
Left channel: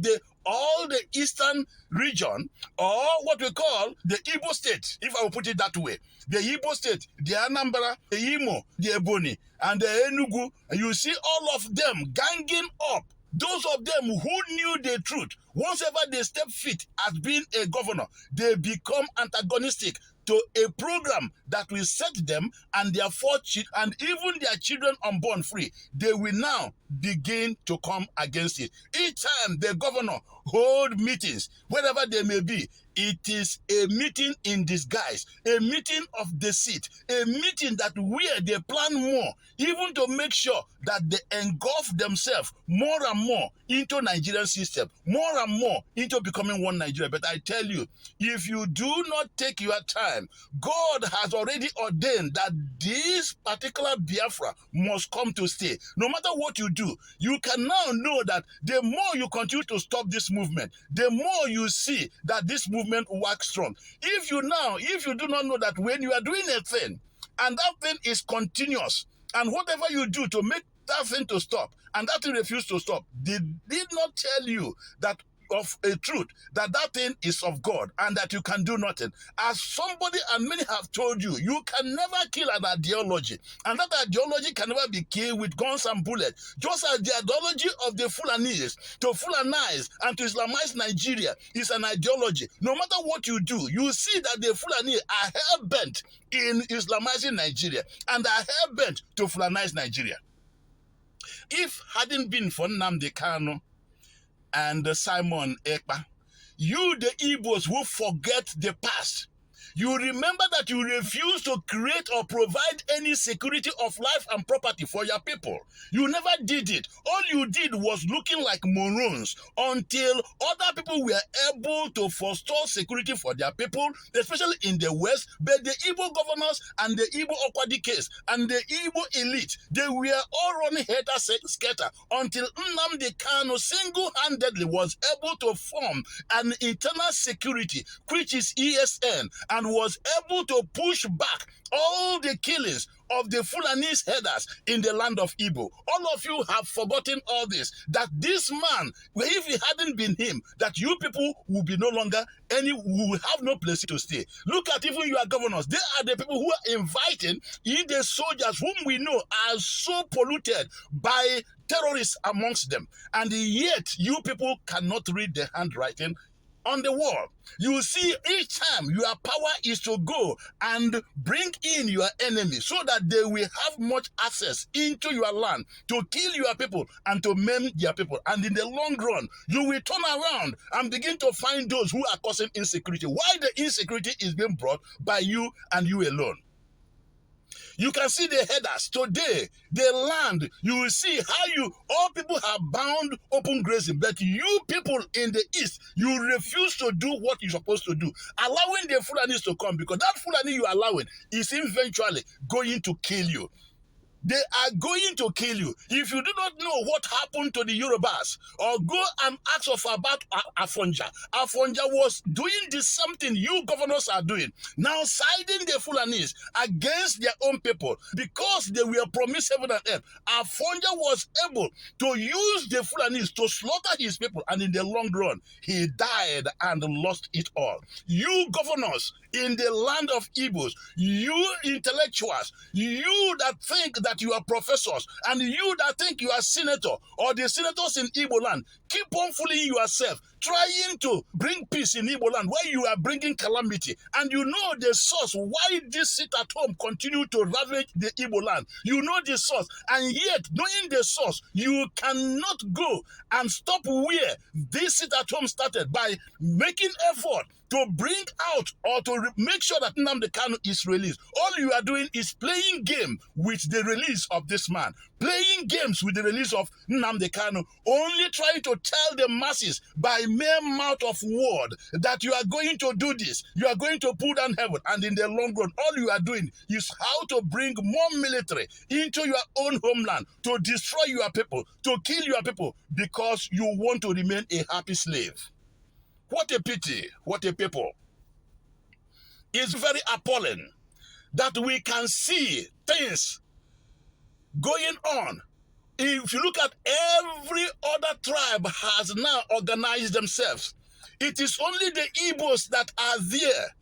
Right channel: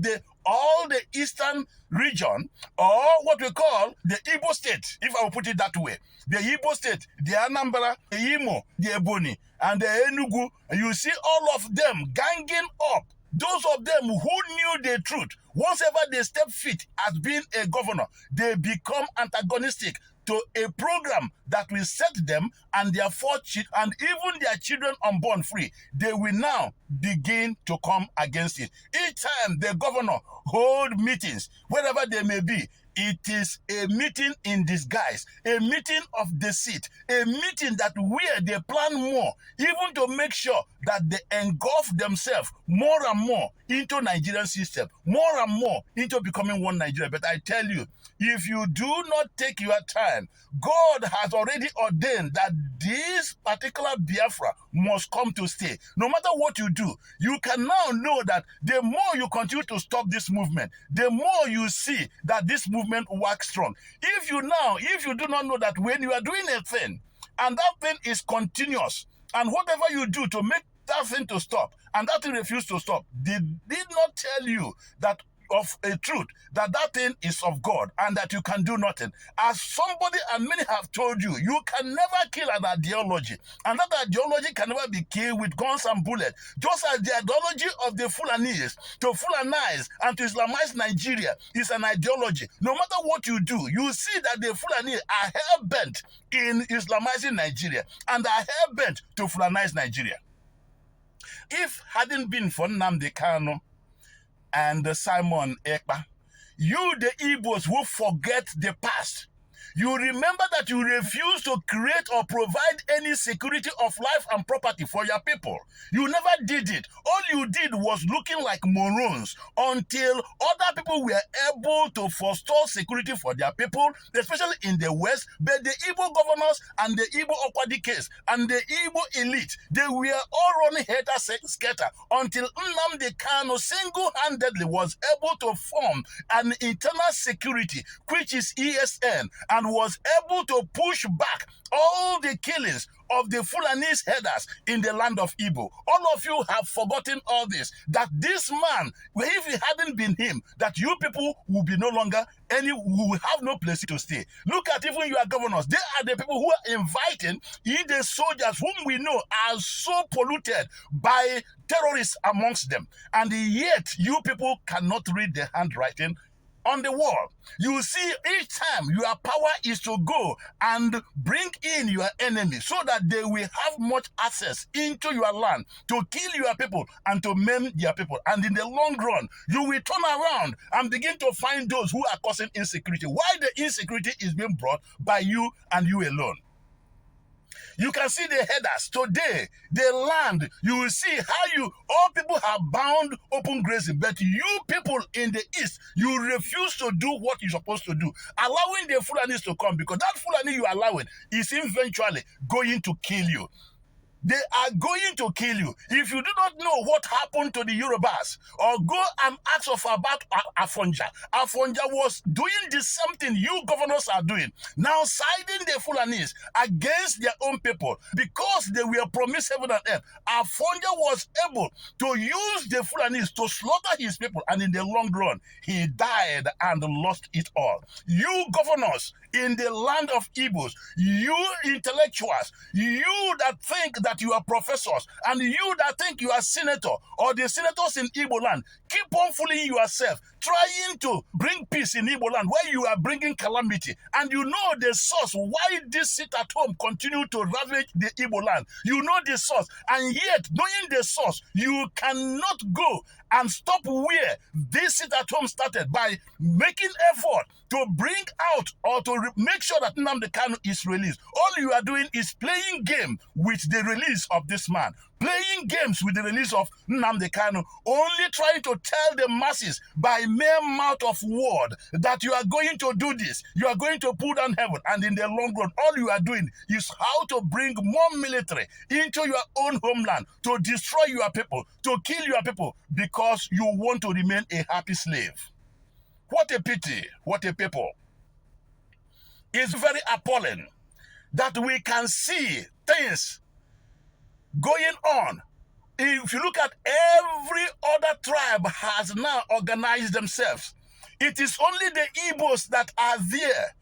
all the eastern region, or what we call the Igbo state, if I will put it that way, the Igbo state, the Anambra, the Imo, the Ebonyi, and the Enugu, you see all of them ganging up. Those of them who knew the truth, once ever they step feet as being a governor, they become antagonistic to a program that will set them and their 4 children and even their children unborn free. They will now begin to come against it. Each time the governor hold meetings, wherever they may be, it is a meeting in disguise, a meeting of deceit, a meeting that where they plan more, even to make sure that they engulf themselves more and more into Nigerian system, more and more into becoming one Nigeria. But I tell you, if you do not take your time, God has already ordained that this particular Biafra must come to stay. No matter what you do, you can now know that the more you continue to stop this movement, the more you see that this movement works strong. If you do not know that when you are doing a thing, and that thing is continuous, and whatever you do to make that thing to stop, and that thing refuse to stop, they did not tell you that of a truth, that thing is of God and that you can do nothing. As somebody and many have told you, you can never kill an ideology, and that ideology can never be killed with guns and bullets. Just as the ideology of the Fulanis to Fulanize and to Islamize Nigeria is an ideology. No matter what you do, you see that the Fulani are hell-bent in Islamizing Nigeria and are hell-bent to Fulanize Nigeria. If hadn't been for Nnamdi Kanu and Simon Ekpa, you, the Igbos who forget the past, you remember that you refused to create or provide any security of life and property for your people. You never did it. All you did was looking like morons until other people were able to forestall security for their people, especially in the West. But the Igbo governors and the Igbo Okwadi case and the Igbo elite, they were all running helter-skelter until Nnamdi Kanu single-handedly was able to form an internal security, which is ESN, and was able to push back all the killings of the Fulanese headers in the land of Igbo. All of you have forgotten all this, that this man, if it hadn't been him, that you people will be no longer will have no place to stay. Look at even your governors. They are the people who are inviting in the soldiers whom we know are so polluted by terrorists amongst them. And yet you people cannot read the handwriting on the wall. You see, each time your power is to go and bring in your enemy so that they will have much access into your land to kill your people and to maim their people. And in the long run, you will turn around and begin to find those who are causing insecurity. Why the insecurity is being brought by you and you alone. You can see the headers today, the land. You will see how all people have bound open grazing, but you people in the east, you refuse to do what you're supposed to do, allowing the Fulanis to come, because that Fulani you are allowing is eventually going to kill you. They are going to kill you. If you do not know what happened to the Yorubas, or go and ask about Afonja. Afonja was doing the same thing you governors are doing, now siding the Fulanis against their own people because they were promised heaven and earth. Afonja was able to use the Fulanis to slaughter his people, and in the long run, he died and lost it all. You governors in the land of Igbos, you intellectuals, you that think that you are professors, and you that think you are senator, or the senators in Igbo land, keep on fooling yourself, trying to bring peace in Igbo land where you are bringing calamity. And you know the source why this sit at home continue to ravage the Igbo land. You know the source, and yet knowing the source, you cannot go and stop where this sit at home started by making effort to bring out or to make sure that Nnamdi Kanu is released. All you are doing is playing game with the release of this man, playing games with the release of Nnamdi Kanu, only trying to tell the masses by mere mouth of word that you are going to do this, you are going to pull down heaven, and in the long run, all you are doing is how to bring more military into your own homeland to destroy your people, to kill your people, because you want to remain a happy slave. What a pity, what a people. It's very appalling that we can see things going on. If you look at every other tribe has now organized themselves. It is only the Igbos that are there,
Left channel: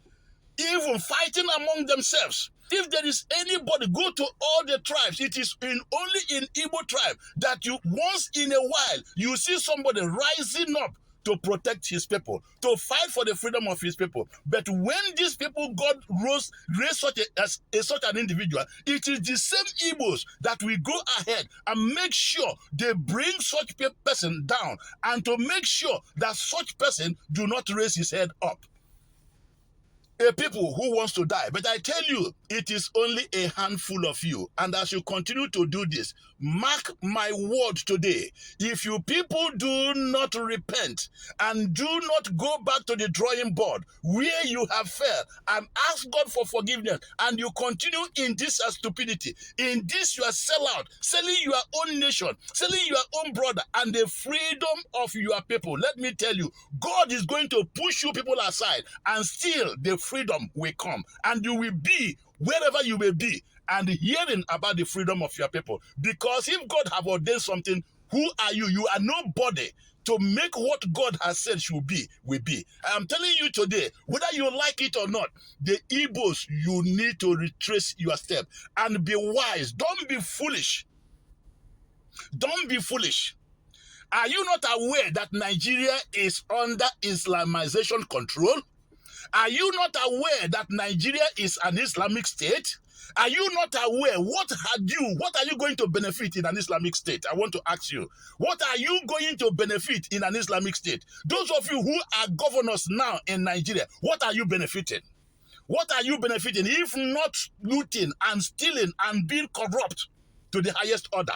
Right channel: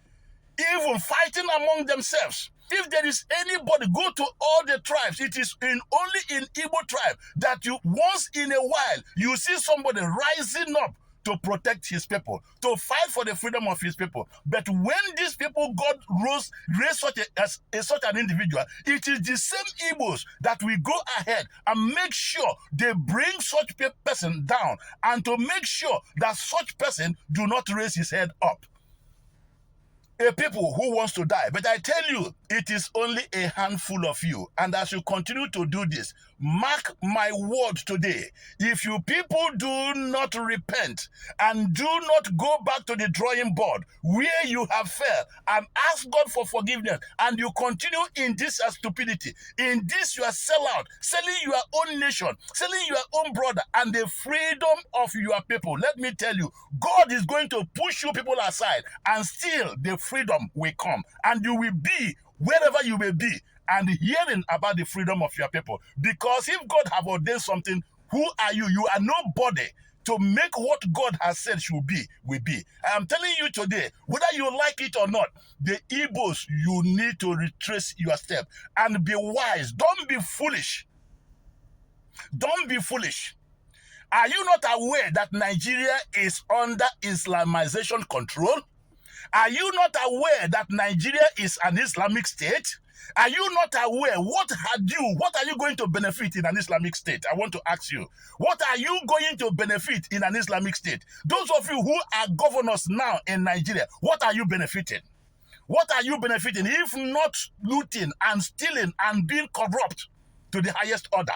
even fighting among themselves. If there is anybody, go to all the tribes. It is only in Igbo tribe that you once in a while you see somebody rising up to protect his people, to fight for the freedom of his people. But when these people raised such an individual, it is the same Igbos that will go ahead and make sure they bring such person down, and to make sure that such person do not raise his head up. A people who wants to die. But I tell you, it is only a handful of you. And as you continue to do this, mark my words today. If you people do not repent and do not go back to the drawing board where you have failed and ask God for forgiveness, and you continue in this stupidity, in this you are selling your own nation, selling your own brother and the freedom of your people, let me tell you, God is going to push you people aside, and still the freedom will come, and you will be wherever you may be and hearing about the freedom of your people. Because if God have ordained something, who are you? You are nobody to make what God has said should be, will be. I am telling you today, whether you like it or not, the Igbos, you need to retrace your step and be wise. Don't be foolish. Don't be foolish. Are you not aware that Nigeria is under Islamization control? Are you not aware that Nigeria is an Islamic state? Are you not aware what are you going to benefit in an Islamic state? I want to ask you, what are you going to benefit in an Islamic state? Those of you who are governors now in Nigeria, what are you benefiting? What are you benefiting if not looting and stealing and being corrupt to the highest order?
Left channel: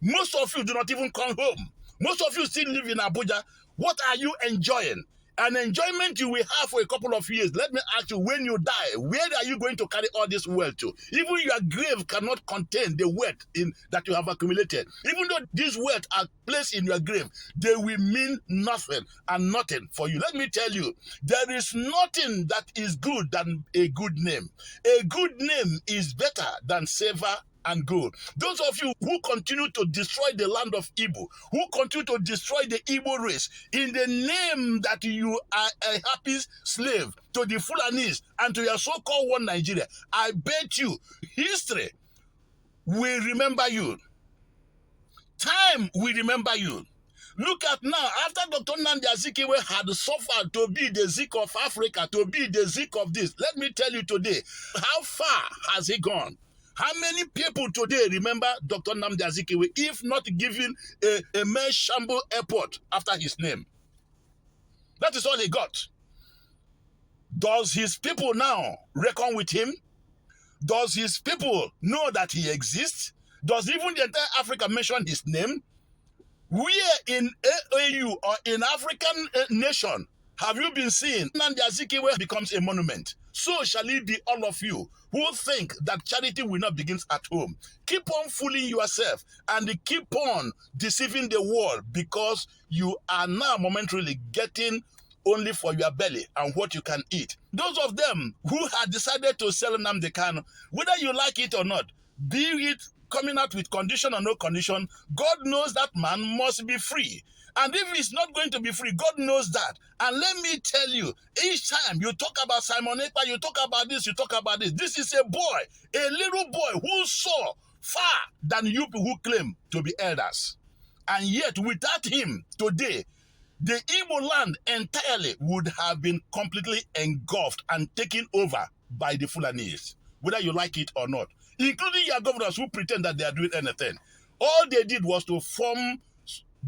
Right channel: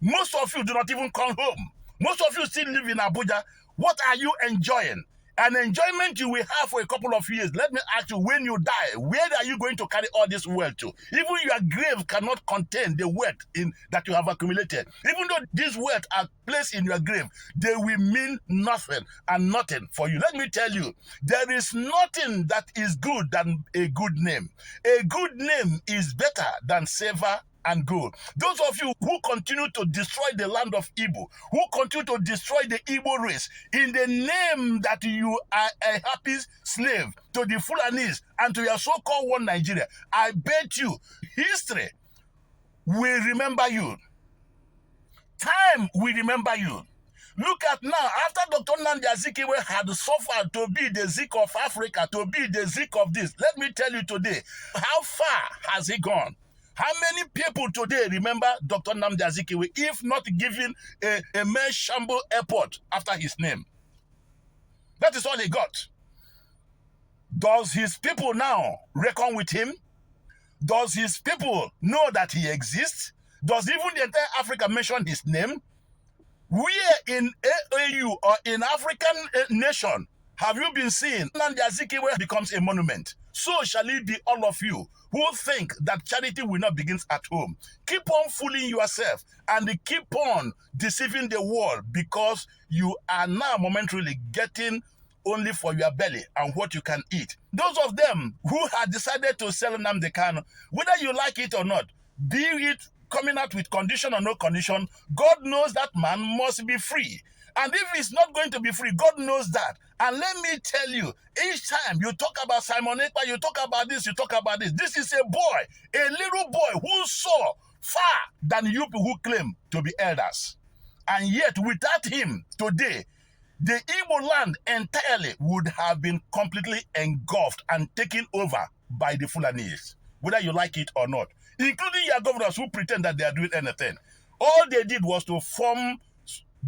Most of you do not even come home. Most of you still live in Abuja. What are you enjoying? An enjoyment you will have for a couple of years. Let me ask you, when you die, where are you going to carry all this wealth to? Even your grave cannot contain the wealth that you have accumulated. Even though these wealth are placed in your grave, they will mean nothing and nothing for you. Let me tell you, there is nothing that is good than a good name. A good name is better than silver and gold. Those of you who continue to destroy the land of Igbo, who continue to destroy the Igbo race in the name that you are a happy slave to the Fulanis and to your so-called one Nigeria, I bet you history will remember you. Time will remember you. Look at now, after Dr. Nnamdi Azikiwe had suffered to be the Zik of Africa, to be the Zik of this, let me tell you today, how far has he gone? How many people today remember Dr. Nnamdi Azikiwe, if not giving a mere shamble airport after his name? That is all he got. Does his people now reckon with him? Does his people know that he exists? Does even the entire Africa mention his name? Where in AAU or in African nation have you been seeing Nnamdi Azikiwe becomes a monument? So shall it be all of you who think that charity will not begin at home. Keep on fooling yourself and keep on deceiving the world, because you are now momentarily getting only for your belly and what you can eat. Those of them who had decided to sell Nnamdi Kanu, whether you like it or not, be it coming out with condition or no condition, God knows that man must be free. And if he's not going to be free, God knows that. And let me tell you, each time you talk about Simon Ekpa, you talk about this, you talk about this. This is a boy, a little boy who saw far than you people who claim to be elders. And yet, without him, today, the Igbo land entirely would have been completely engulfed and taken over by the Fulanis, whether you like it or not, including your governors who pretend that they are doing anything. All they did was to form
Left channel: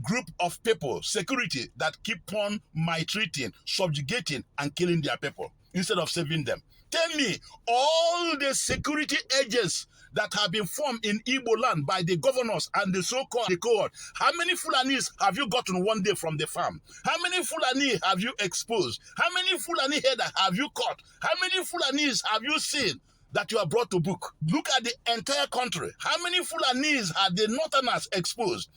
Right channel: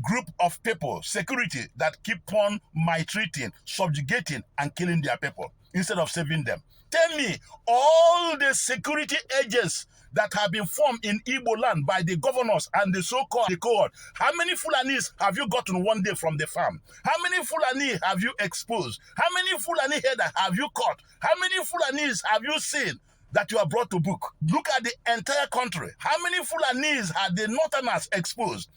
group of people, security, that keep on maltreating, subjugating, and killing their people instead of saving them. Tell me, all the security agents that have been formed in Igbo land by the governors and the so-called cohort, how many Fulanis have you gotten one day from the farm? How many Fulani have you exposed? How many Fulani header have you caught? How many Fulanis have you seen that you are brought to book? Look at the entire country. How many Fulanis had the Northerners exposed?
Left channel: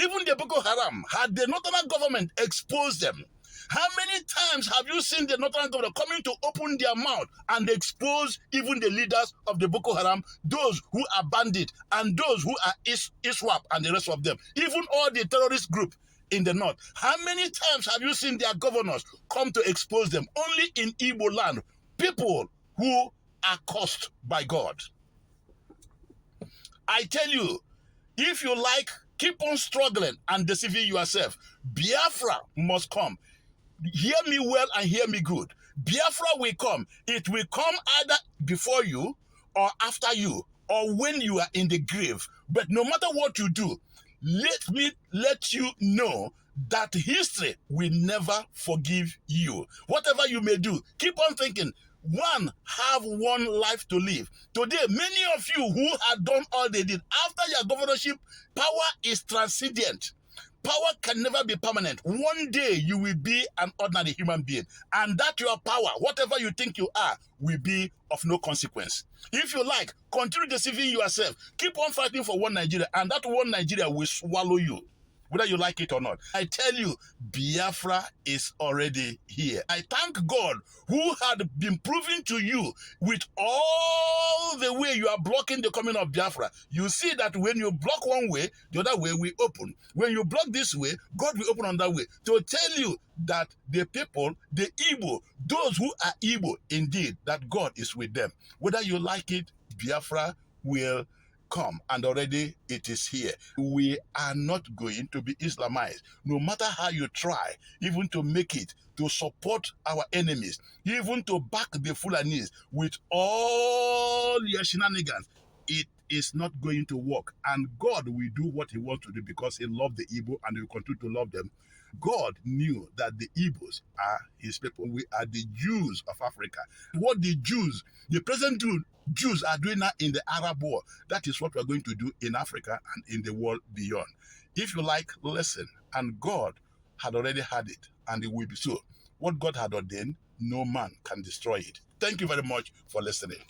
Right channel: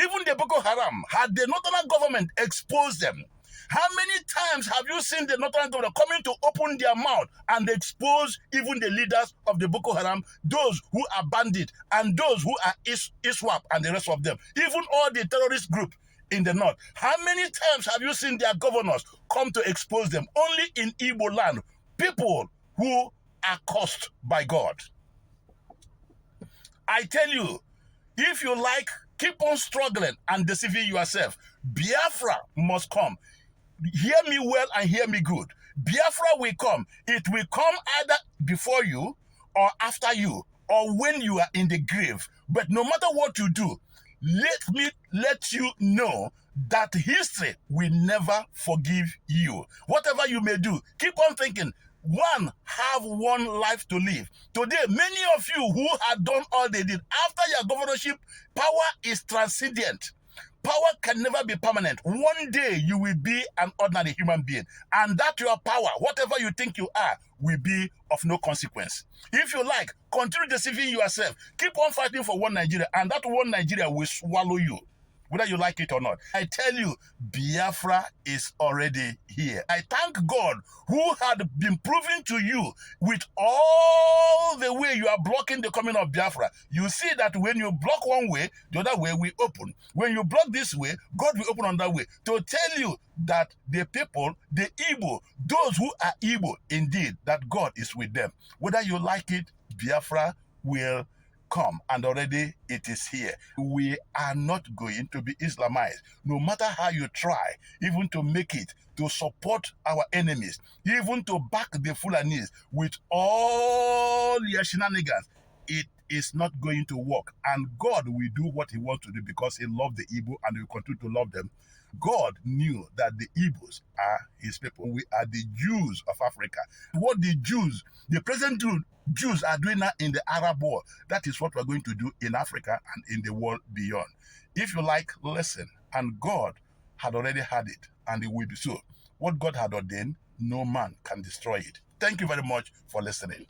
Even the Boko Haram, had the Northern government exposed them? How many times have you seen the northern government coming to open their mouth and expose even the leaders of the Boko Haram, those who are bandits, and those who are ISWAP and the rest of them, even all the terrorist group in the north? How many times have you seen their governors come to expose them? Only in Igbo land, people who are cursed by God. I tell you, if you like, keep on struggling and deceiving yourself. Biafra must come. Hear me well and hear me good. Biafra will come. It will come either before you or after you or when you are in the grave. But no matter what you do, let me let you know that history will never forgive you. Whatever you may do, keep on thinking. One, have one life to live. Today, many of you who had done all they did, after your governorship, power is transcendent. Power can never be permanent. One day you will be an ordinary human being, and that your power, whatever you think you are, will be of no consequence. If you like, continue deceiving yourself. Keep on fighting for one Nigeria, and that one Nigeria will swallow you, whether you like it or not. I tell you, Biafra is already here. I thank God who had been proving to you with all the way you are blocking the coming of Biafra. You see that when you block one way, the other way will open. When you block this way, God will open on that way. To tell you that the people, the Igbo, those who are Igbo, indeed, that God is with them. Whether you like it, Biafra will come, and already it is here. We are not going to be Islamized. No matter how you try, even to make it, to support our enemies, even to back the Fulanis with all your shenanigans, it is not going to work. And God will do what he wants to do because he loved the Igbo and he will continue to love them. God knew that the Igbos are his people. We are the Jews of Africa. What the Jews, the present Jews are doing now in the Arab world, that is what we're going to do in Africa and in the world beyond. If you like, listen. And God had already had it, and it will be so. What God had ordained, no man can destroy it. Thank you very much for listening.